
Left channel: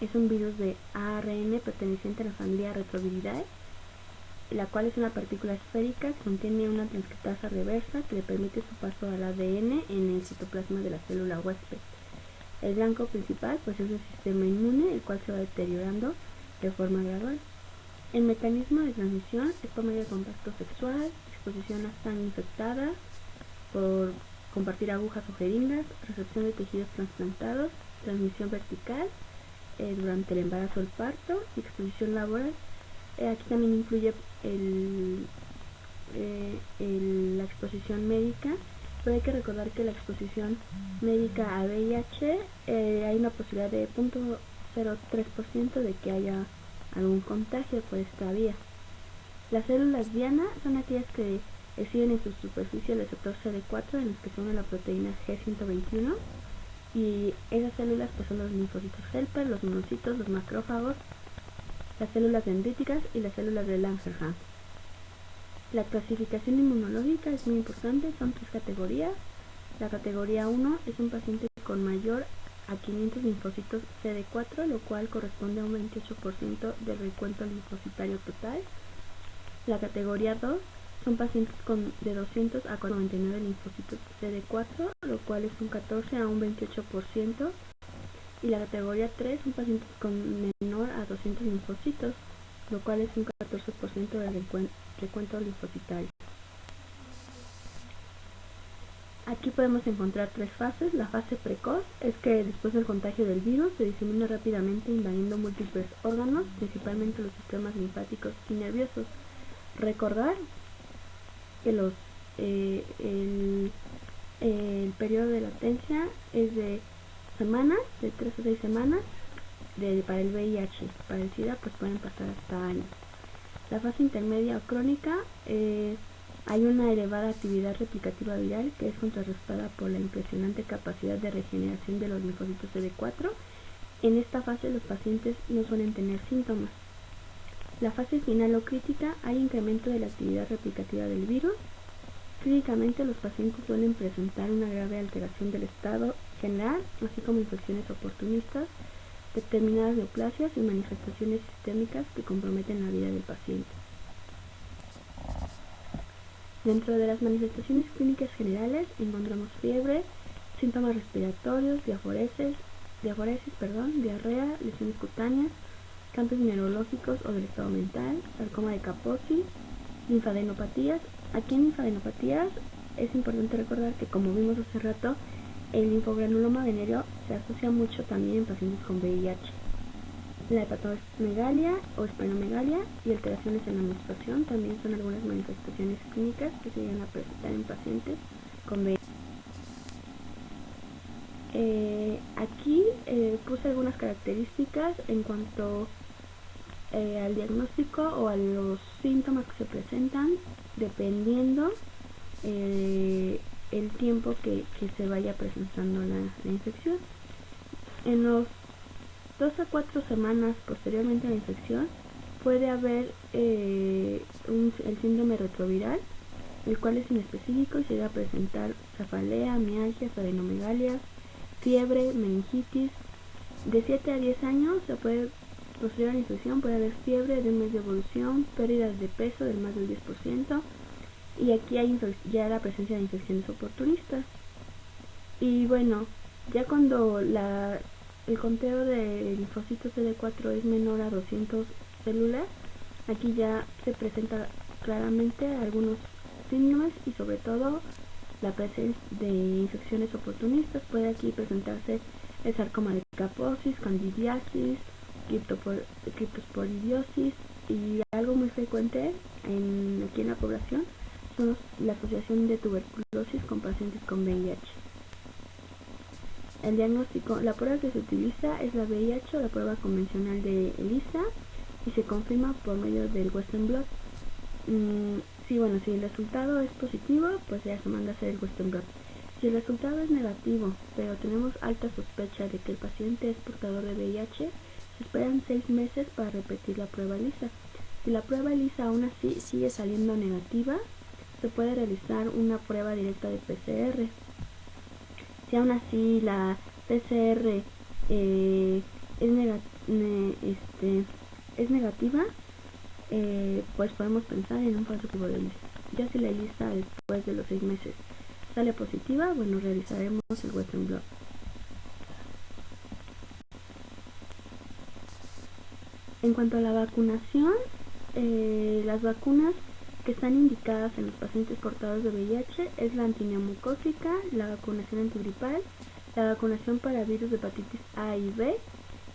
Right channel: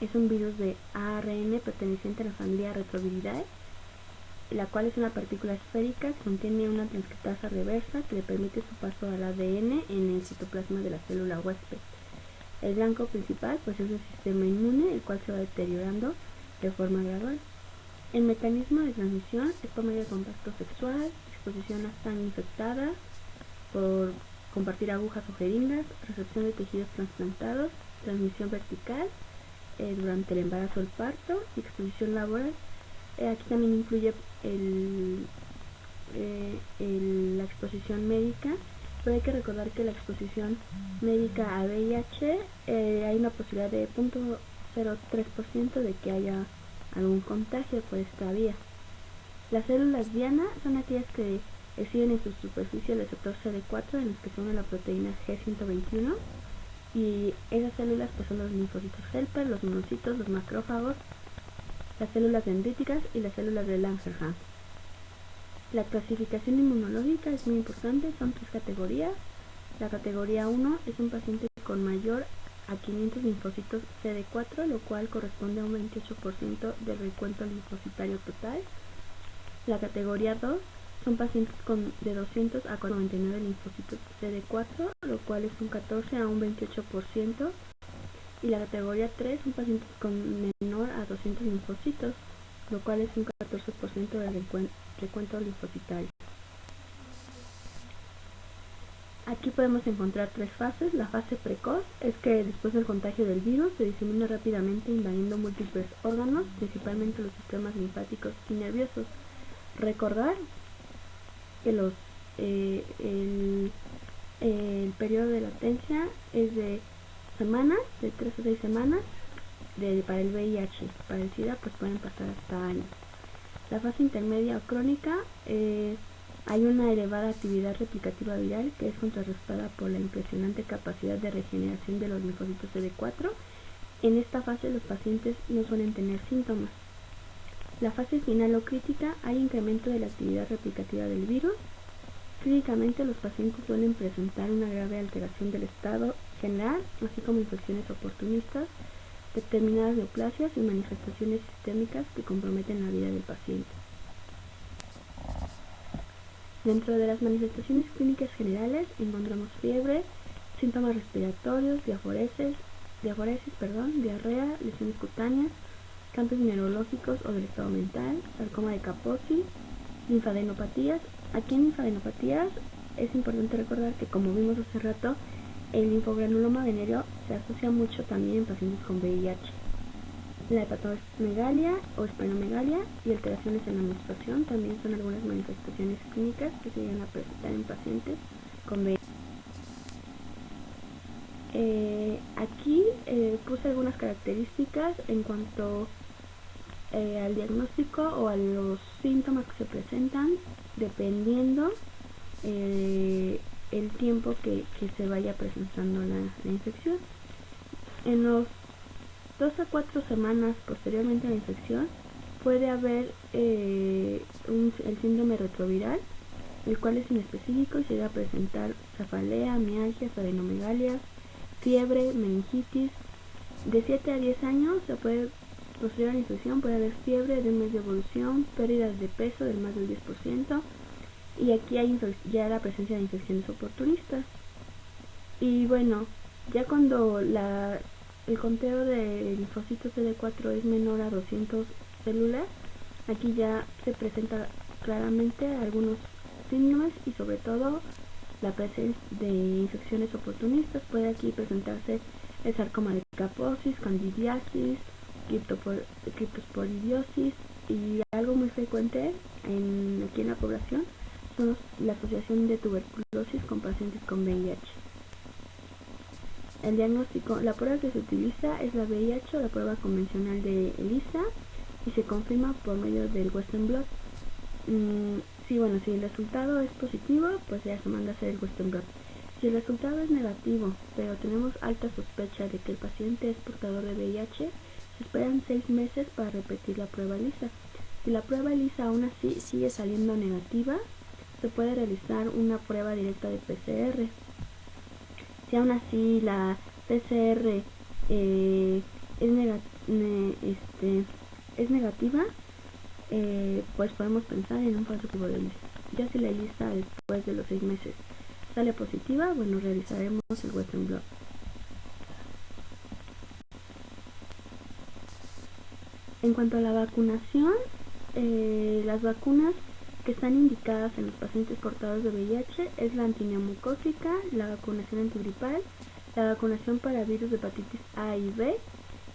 es un virus de ARN perteneciente a la familia Retroviridae, la cual es una partícula esférica que contiene una transcriptasa reversa que le permite su paso al ADN en el citoplasma de la célula huésped. El blanco principal pues es el sistema inmune, el cual se va deteriorando de forma gradual. El mecanismo de transmisión es por medio de contacto sexual, exposición a sangre infectada, por compartir agujas o jeringas, recepción de tejidos trasplantados, transmisión vertical durante el embarazo o el parto y exposición laboral. Aquí también incluye la exposición médica, pero hay que recordar que la exposición médica a VIH hay una posibilidad de 0.03% de que haya algún contagio por esta vía. Las células diana son aquellas que exhiben en su superficie el receptor CD4 en los que se une la proteína G121, y esas células pues son los linfocitos helper, los monocitos, los macrófagos, las células dendríticas y las células de Langerhans. La clasificación inmunológica es muy importante, son 3 categorías. La categoría 1 es un paciente con mayor a 500 linfocitos CD4, lo cual corresponde a un 28% del recuento linfocitario total. La categoría 2 son pacientes de 200 a 99 linfocitos CD4, lo cual es un 14 a un 28%. Y la categoría 3 son pacientes con menor a 200 linfocitos, lo cual es un 14% del recuento linfocitario. Aquí podemos encontrar 3 fases. La fase precoz es que después del contagio del virus se disemina rápidamente invadiendo múltiples órganos, principalmente los sistemas linfáticos y nerviosos. Recordar que el periodo de latencia es de semanas, de 3 a 6 semanas para el VIH. Para el SIDA pues pueden pasar hasta años. La fase intermedia o crónica, hay una elevada actividad replicativa viral que es contrarrestada por la impresionante capacidad de regeneración de los linfocitos CD4. En esta fase los pacientes no suelen tener síntomas. La fase final o crítica, hay incremento de la actividad replicativa del virus. Clínicamente los pacientes suelen presentar una grave alteración del estado general, así como infecciones oportunistas, determinadas neoplasias y manifestaciones sistémicas que comprometen la vida del paciente. Dentro de las manifestaciones clínicas generales encontramos fiebre, síntomas respiratorios, diarrea, lesiones cutáneas, cambios neurológicos o del estado mental, sarcoma de Kaposi, linfadenopatías. Aquí en linfadenopatías es importante recordar que, como vimos hace rato, el linfogranuloma venérea se asocia mucho también en pacientes con VIH. La hepatomegalia o esplenomegalia y alteraciones en la menstruación también son algunas manifestaciones clínicas que se llegan a presentar en pacientes con VIH. Aquí puse algunas características en cuanto al diagnóstico o a los síntomas que se presentan dependiendo el tiempo que se vaya presentando la infección. En los 2 a 4 semanas posteriormente a la infección puede haber el síndrome retroviral, el cual es inespecífico y se llega a presentar cefalea, mialgias, adenomegalias, fiebre, meningitis. De 7 a 10 años posterior a la infección puede haber fiebre de un mes de evolución, pérdidas de peso del más del 10%, y aquí hay ya la presencia de infecciones oportunistas. Y bueno, ya cuando el conteo de linfocitos CD4 es menor a 200 células, aquí ya se presenta claramente algunos síntomas y sobre todo la presencia de infecciones oportunistas. Puede aquí presentarse el sarcoma de Kaposis, candidiasis, criptosporidiosis, y algo muy frecuente aquí en la población son la asociación de tuberculosis con pacientes con VIH. El diagnóstico, la prueba que se utiliza es la VIH o la prueba convencional de ELISA y se confirma por medio del Western blot. Si el resultado es positivo, pues ya se manda a hacer el Western blot. Si el resultado es negativo, pero tenemos alta sospecha de que el paciente es portador de VIH, se esperan 6 meses para repetir la prueba ELISA. Si la prueba ELISA aún así sigue saliendo negativa, se puede realizar una prueba directa de PCR. Si aún así la PCR es negativa, pues podemos pensar en un falso positivo de ELISA. Ya si la ELISA después de los 6 meses sale positiva, realizaremos el Western blot. En cuanto a la vacunación, las vacunas que están indicadas en los pacientes portadores de VIH es la antineumocócica, la vacunación antigripal, la vacunación para virus de hepatitis A y B,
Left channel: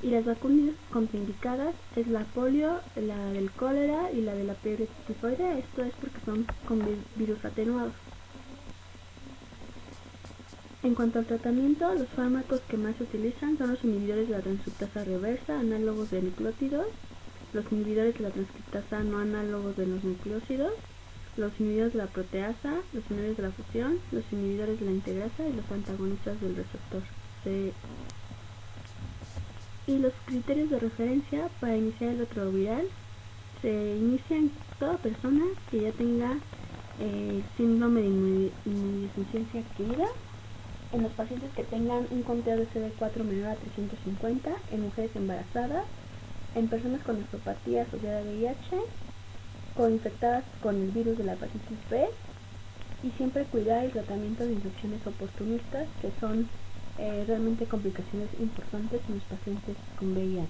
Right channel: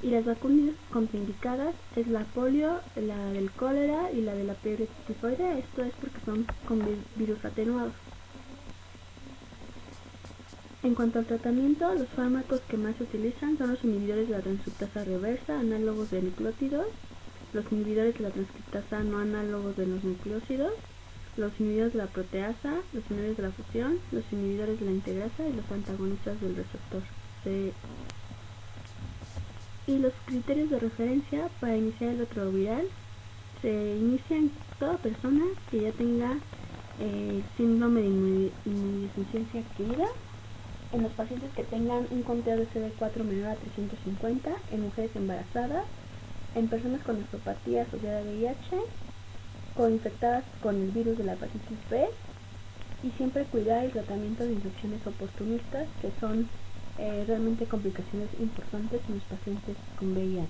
y las vacunas contraindicadas es la polio, la del cólera y la de la fiebre tifoidea. Esto es porque son con virus atenuados. En cuanto al tratamiento, los fármacos que más se utilizan son los inhibidores de la transcriptasa reversa, análogos de nucleótidos, los inhibidores de la transcriptasa no análogos de los nucleósidos, los inhibidores de la proteasa, los inhibidores de la fusión, los inhibidores de la integrasa y los antagonistas del receptor C. Y los criterios de referencia para iniciar el retroviral se inicia en toda persona que ya tenga síndrome de inmunodeficiencia adquirida, en los pacientes que tengan un conteo de CD4 menor a 350, en mujeres embarazadas, en personas con nefropatía asociada a VIH, coinfectadas con el virus de la hepatitis B, y siempre cuidar el tratamiento de infecciones oportunistas, que son realmente complicaciones importantes en los pacientes con VIH.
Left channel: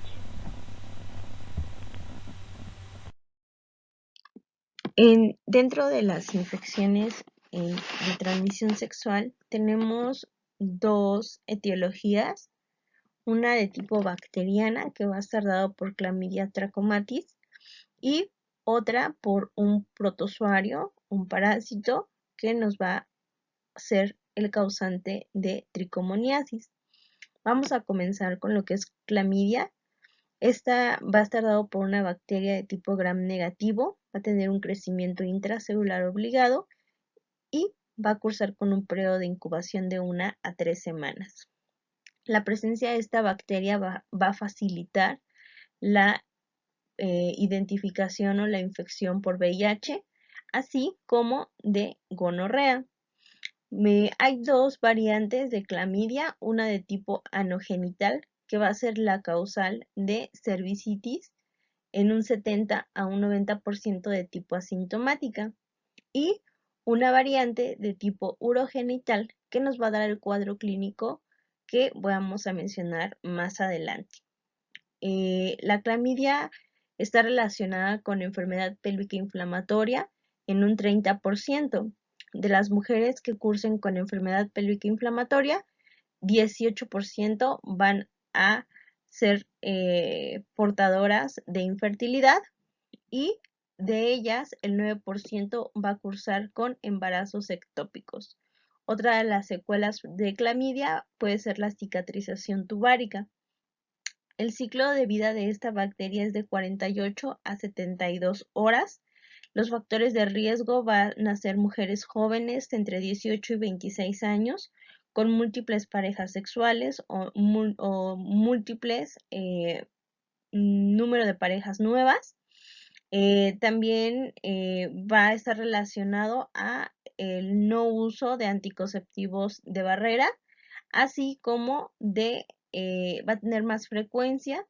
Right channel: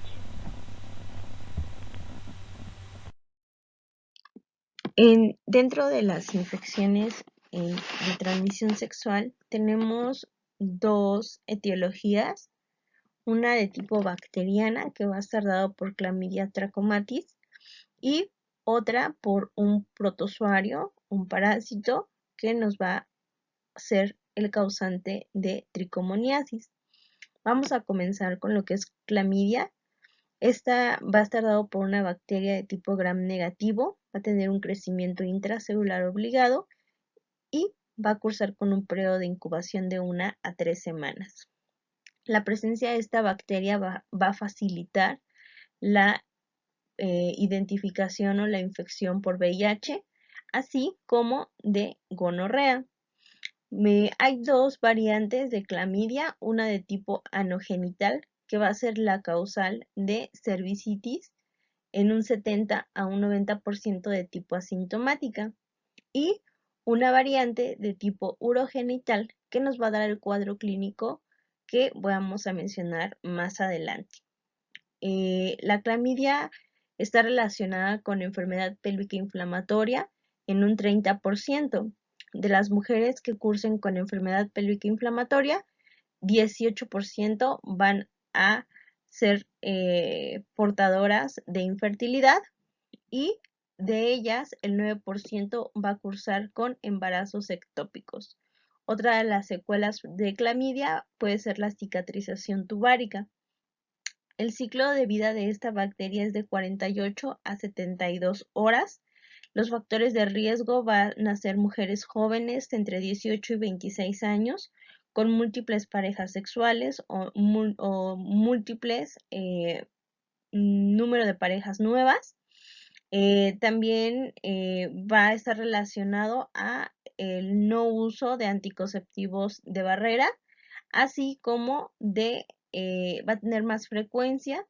Dentro de las infecciones de transmisión sexual tenemos dos etiologías, una de tipo bacteriana que va a estar dado por Chlamydia trachomatis y otra por un protozoario, un parásito que nos va a ser el causante de tricomoniasis. Vamos a comenzar con lo que es clamidia. Esta va a estar dado por una bacteria de tipo gram negativo, va a tener un crecimiento intracelular obligado y va a cursar con un periodo de incubación de 1 a 3 semanas. La presencia de esta bacteria va a facilitar la identificación o la infección por VIH, así como de gonorrea. Hay dos variantes de clamidia, una de tipo anogenital, que va a ser la causal de cervicitis en un 70 a un 90% de tipo asintomática, y una variante de tipo urogenital que nos va a dar el cuadro clínico que vamos a mencionar más adelante. La clamidia está relacionada con enfermedad pélvica inflamatoria en un 30%. De las mujeres que cursen con enfermedad pélvica inflamatoria, 18% van a ser portadoras de infertilidad, y de ellas el 9% va a cursar con embarazos ectópicos. Otra de las secuelas de clamidia puede ser la cicatrización tubárica. El ciclo de vida de esta bacteria es de 48 a 72 horas. Los factores de riesgo van a ser mujeres jóvenes entre 18 y 26 años, con múltiples parejas sexuales o múltiples número de parejas nuevas. También va a estar relacionado a el no uso de anticonceptivos de barrera, así como va a tener más frecuencia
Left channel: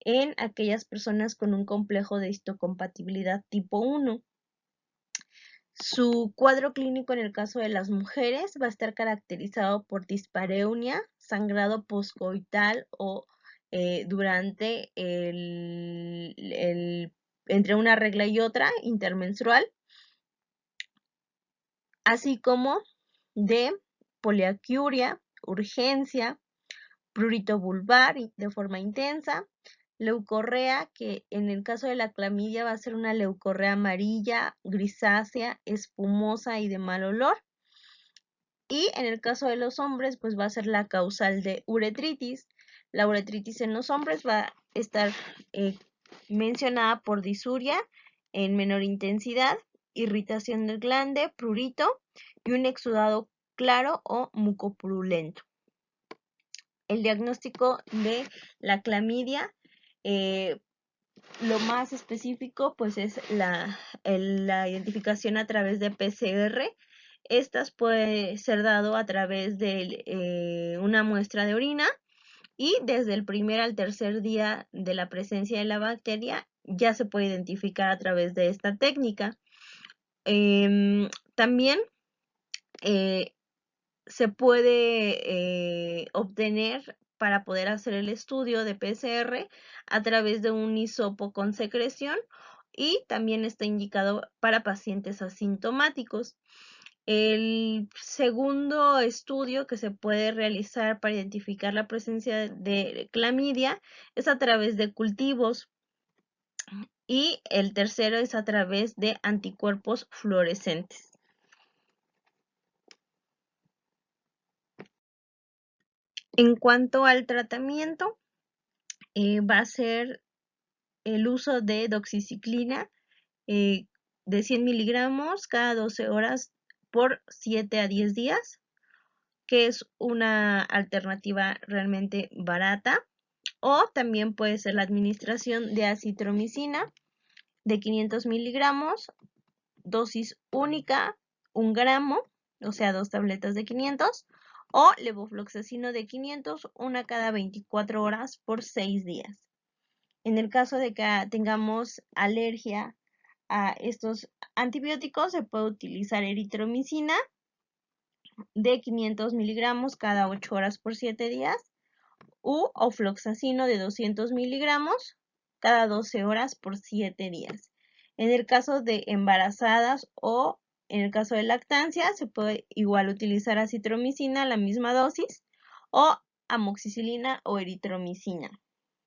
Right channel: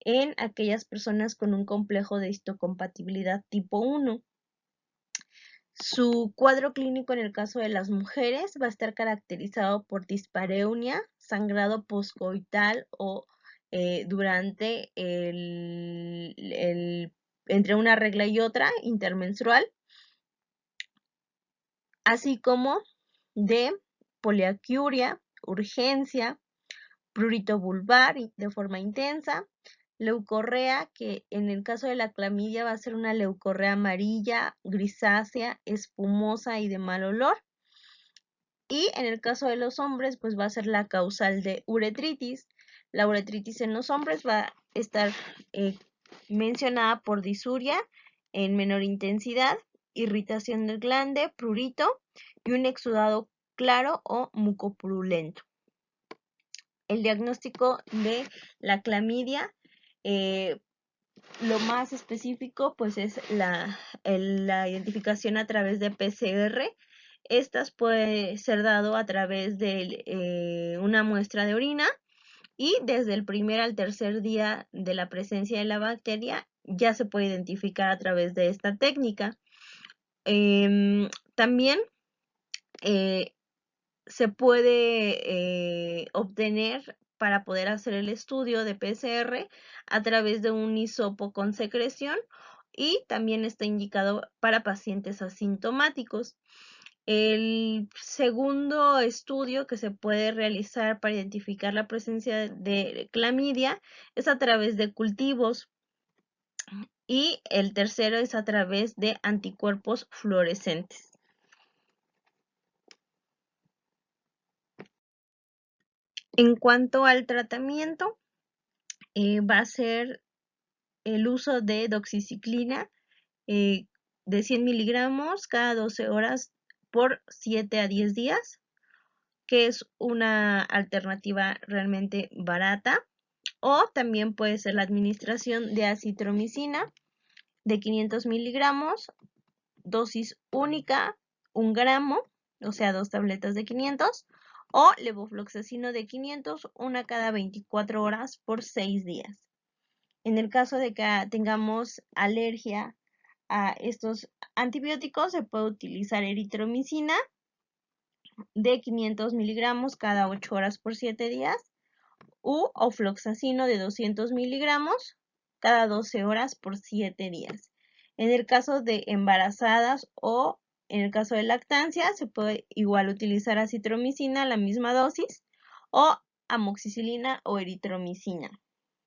en aquellas personas con un complejo de histocompatibilidad tipo 1. Su cuadro clínico en el caso de las mujeres va a estar caracterizado por dispareunia, sangrado poscoital o durante entre una regla y otra intermenstrual, así como de poliaquiuria, urgencia, prurito vulvar de forma intensa, leucorrea, que en el caso de la clamidia va a ser una leucorrea amarilla, grisácea, espumosa y de mal olor. Y en el caso de los hombres, pues va a ser la causal de uretritis. La uretritis en los hombres va a estar mencionada por disuria en menor intensidad, irritación del glande, prurito y un exudado claro o mucopurulento. El diagnóstico de la clamidia, lo más específico pues es la identificación a través de PCR. Estas puede ser dado a través de una muestra de orina y desde el primer al tercer día de la presencia de la bacteria ya se puede identificar a través de esta técnica. También se puede obtener para poder hacer el estudio de PCR a través de un hisopo con secreción y también está indicado para pacientes asintomáticos. El segundo estudio que se puede realizar para identificar la presencia de clamidia es a través de cultivos y el tercero es a través de anticuerpos fluorescentes. En cuanto al tratamiento, va a ser el uso de doxiciclina de 100 miligramos cada 12 horas por 7 a 10 días, que es una alternativa realmente barata. O también puede ser la administración de acitromicina de 500 miligramos, dosis única, 1 gramo, o sea, 2 tabletas de 500, o levofloxacino de 500, una cada 24 horas por 6 días. En el caso de que tengamos alergia a estos antibióticos, se puede utilizar eritromicina de 500 miligramos cada 8 horas por 7 días u ofloxacino de 200 miligramos cada 12 horas por 7 días. En el caso de embarazadas o en el caso de lactancia, se puede igual utilizar acitromicina, la misma dosis, o amoxicilina o eritromicina.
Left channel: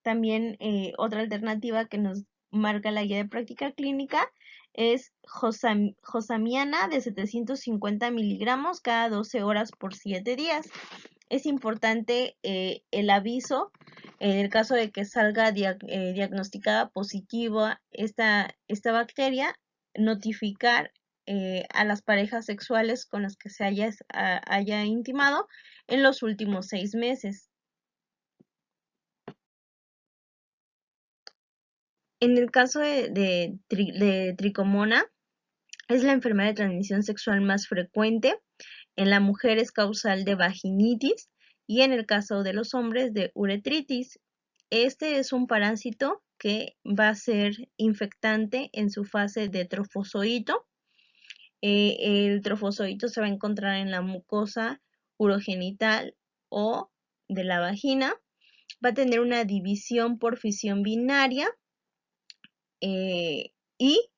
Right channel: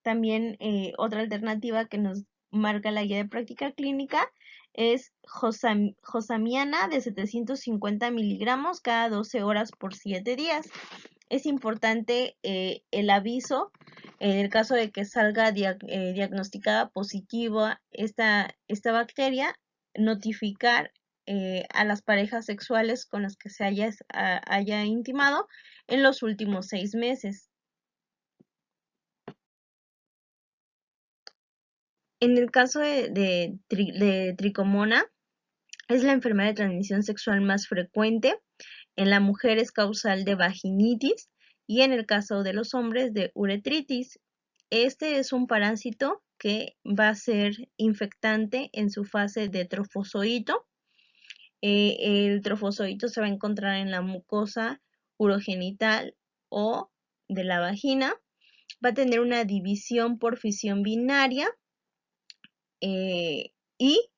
También otra alternativa que nos marca la guía de práctica clínica es josamiana de 750 miligramos cada 12 horas por 7 días. Es importante el aviso en el caso de que salga diagnosticada positiva esta bacteria, notificar a las parejas sexuales con las que se haya intimado en los últimos 6 meses. En el caso de tricomona, es la enfermedad de transmisión sexual más frecuente. En la mujer es causal de vaginitis y en el caso de los hombres de uretritis. Este es un parásito que va a ser infectante en su fase de trofozoito. El trofozoito se va a encontrar en la mucosa urogenital o de la vagina. Va a tener una división por fisión binaria y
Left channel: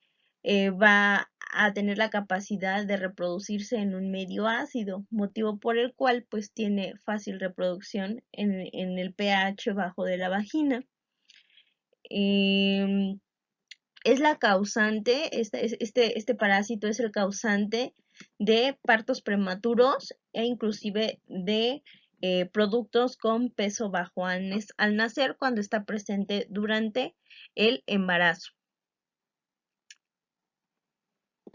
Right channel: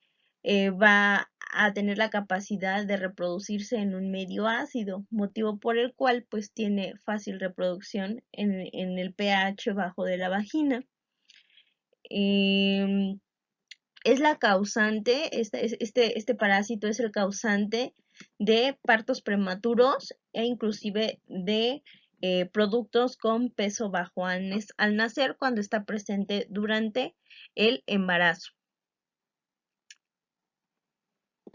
va a tener la capacidad de reproducirse en un medio ácido, motivo por el cual pues tiene fácil reproducción en el pH bajo de la vagina. Es la causante, este parásito es el causante de partos prematuros e inclusive de productos con peso bajo al nacer cuando está presente durante el embarazo.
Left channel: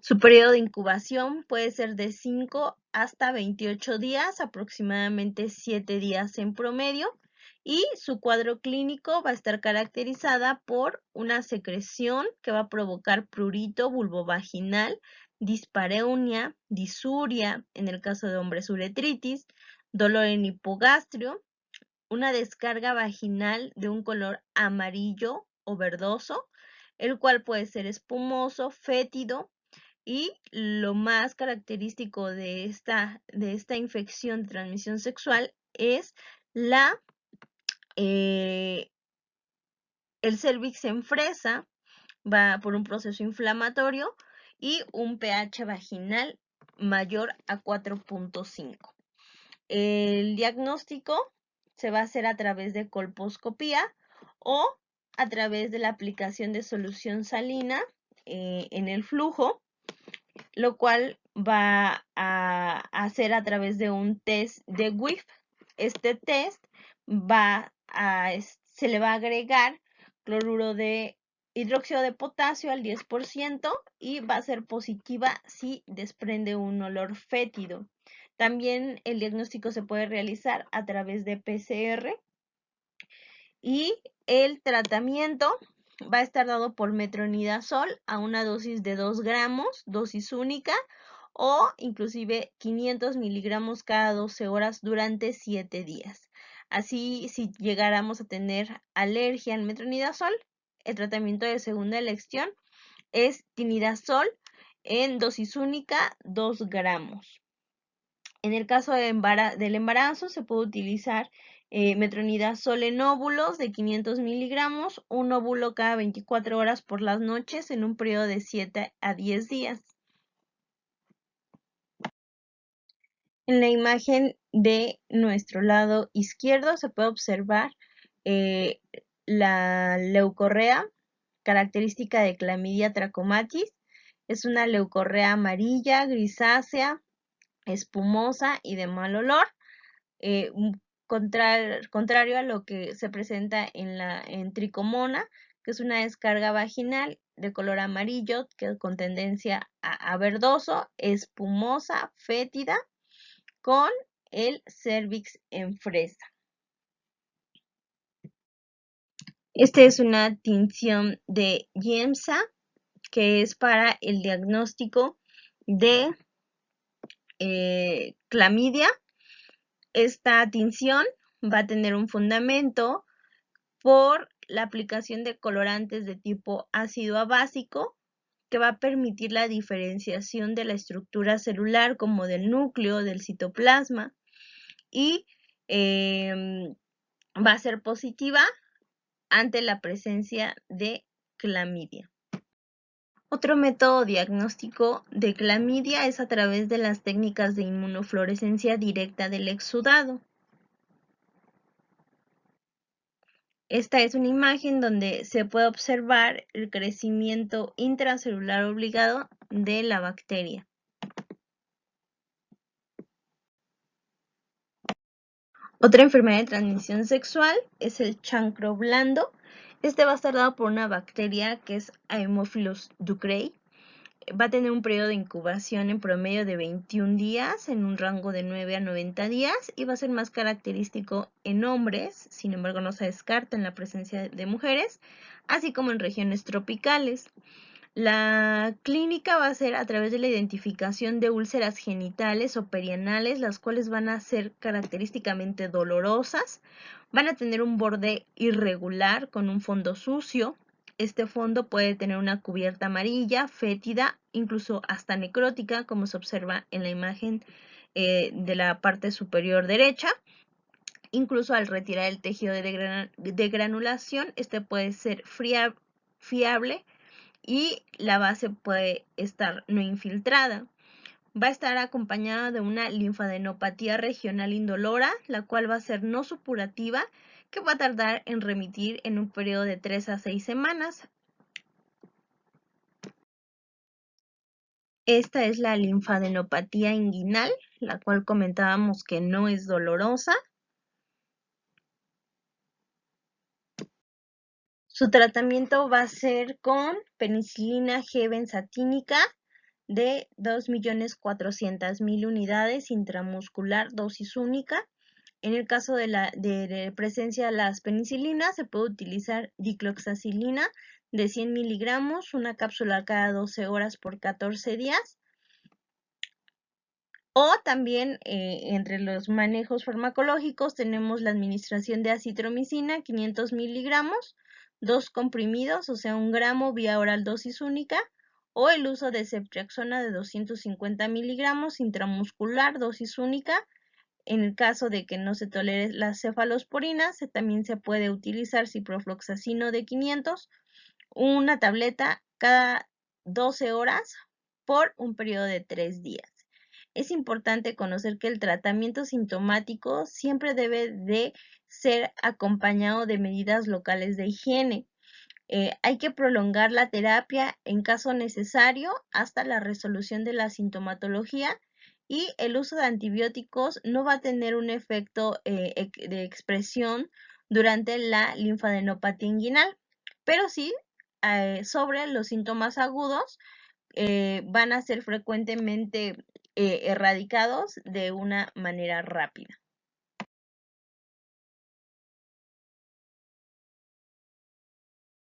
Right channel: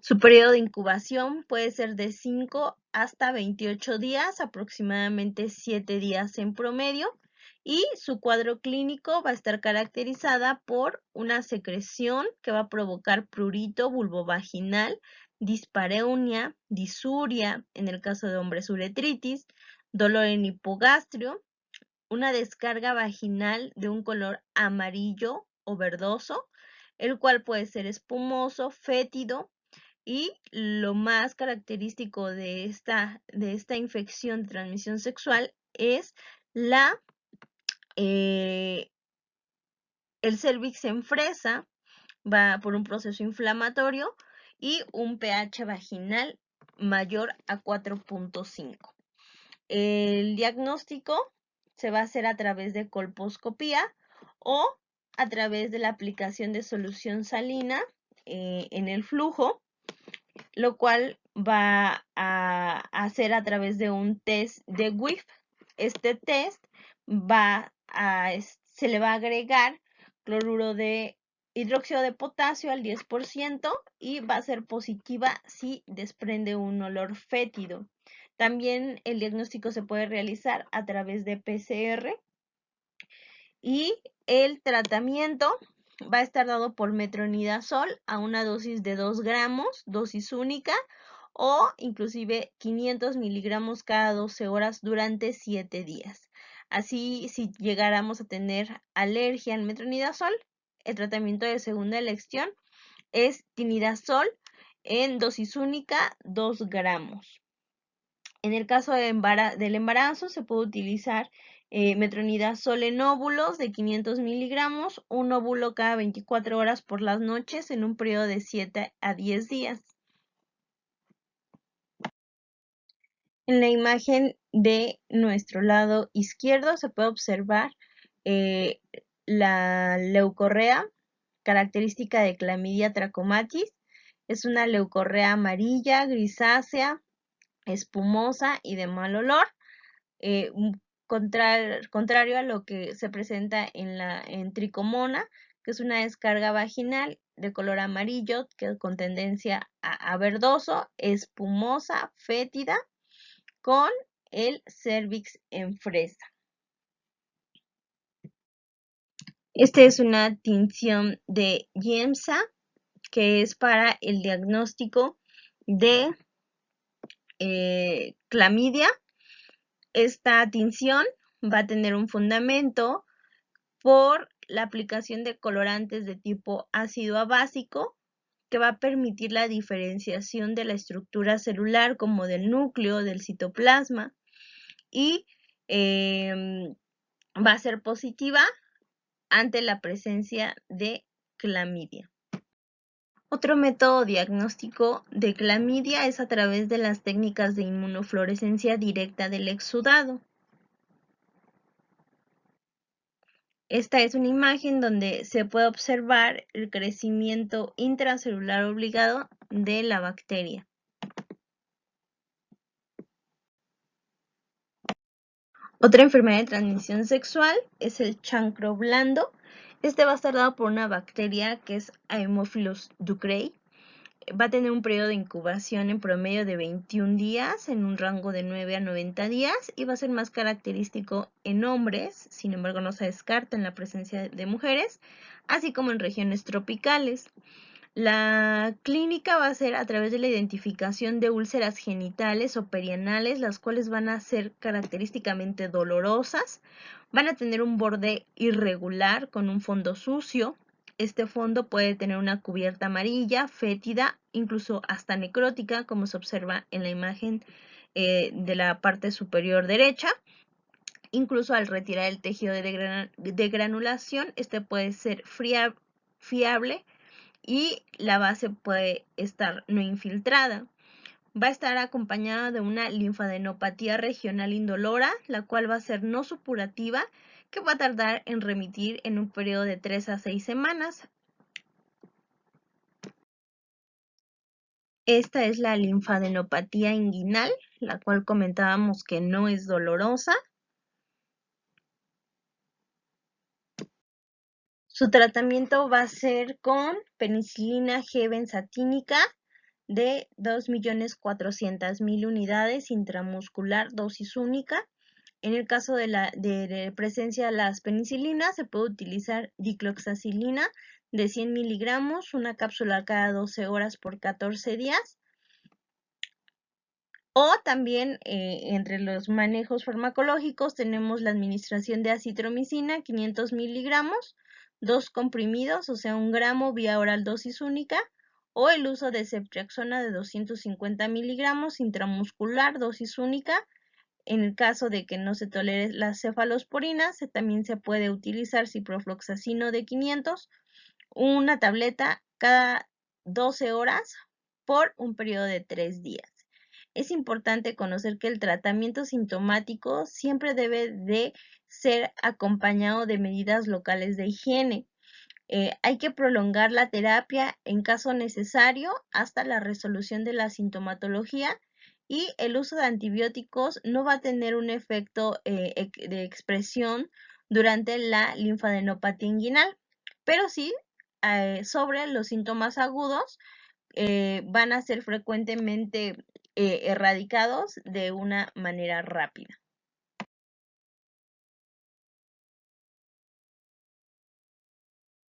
Su periodo de incubación puede ser de 5 hasta 28 días, aproximadamente 7 días en promedio, y su cuadro clínico va a estar caracterizada por una secreción que va a provocar prurito vulvovaginal, dispareunia, disuria, en el caso de hombres uretritis, dolor en hipogastrio, una descarga vaginal de un color amarillo o verdoso, el cual puede ser espumoso, fétido, y lo más característico de esta infección de transmisión sexual es el cervix en fresa, va por un proceso inflamatorio y un pH vaginal mayor a 4.5. El diagnóstico se va a hacer a través de colposcopía o a través de la aplicación de solución salina en el flujo, lo cual va a hacer a través de un test de WIF. Este test se le va a agregar cloruro de hidróxido de potasio al 10% y va a ser positiva si desprende un olor fétido. También el diagnóstico se puede realizar a través de PCR y el tratamiento va a estar dado por metronidazol a una dosis de 2 gramos, dosis única, o inclusive 500 miligramos cada 12 horas durante 7 días. Así, si llegáramos a tener alergia al metronidazol, el tratamiento de segunda elección es tinidazol en dosis única, 2 gramos. En el caso del embarazo se puede utilizar metronidazol en óvulos de 500 miligramos, un óvulo cada 24 horas por las noches en un periodo de 7 a 10 días. En la imagen de nuestro lado izquierdo se puede observar la leucorrea, característica de Clamidia trachomatis. Es una leucorrea amarilla, grisácea, espumosa y de mal olor. Contrario a lo que se presenta en tricomona, que es una descarga vaginal de color amarillo con tendencia a verdoso, espumosa, fétida, con el cervix en fresa. Esta es una tinción de Giemsa, que es para el diagnóstico de clamidia. Esta tinción va a tener un fundamento por la aplicación de colorantes de tipo ácido abásico, que va a permitir la diferenciación de la estructura celular como del núcleo, del citoplasma, y va a ser positiva ante la presencia de clamidia. Otro método diagnóstico de clamidia es a través de las técnicas de inmunofluorescencia directa del exudado. Esta es una imagen donde se puede observar el crecimiento intracelular obligado de la bacteria. Otra enfermedad de transmisión sexual es el chancro blando. Este va a estar dado por una bacteria que es Haemophilus ducreyi. Va a tener un periodo de incubación en promedio de 21 días, en un rango de 9 a 90 días, y va a ser más característico en hombres, sin embargo no se descarta en la presencia de mujeres, así como en regiones tropicales. La clínica va a ser a través de la identificación de úlceras genitales o perianales, las cuales van a ser característicamente dolorosas, van a tener un borde irregular con un fondo sucio. Este fondo puede tener una cubierta amarilla, fétida, incluso hasta necrótica, como se observa en la imagen de la parte superior derecha. Incluso al retirar el tejido de granulación, este puede ser fiable y la base puede estar no infiltrada. Va a estar acompañada de una linfadenopatía regional indolora, la cual va a ser no supurativa, que va a tardar en remitir en un periodo de 3 a 6 semanas. Esta es la linfadenopatía inguinal, la cual comentábamos que no es dolorosa. Su tratamiento va a ser con penicilina G benzatínica de 2.400.000 unidades intramuscular, dosis única, En el caso de presencia de las penicilinas, se puede utilizar dicloxacilina de 100 miligramos, una cápsula cada 12 horas por 14 días. O también entre los manejos farmacológicos tenemos la administración de acitromicina, 500 miligramos, 2 comprimidos, o sea, 1 gramo vía oral dosis única, o el uso de ceftriaxona de 250 miligramos intramuscular, dosis única. En el caso de que no se tolere la cefalosporina, también se puede utilizar ciprofloxacino de 500, una tableta cada 12 horas por un periodo de 3 días. Es importante conocer que el tratamiento sintomático siempre debe de ser acompañado de medidas locales de higiene. Hay que prolongar la terapia en caso necesario hasta la resolución de la sintomatología, y el uso de antibióticos no va a tener un efecto de expresión durante la linfadenopatía inguinal, pero sí sobre los síntomas agudos van a ser frecuentemente erradicados de una manera rápida.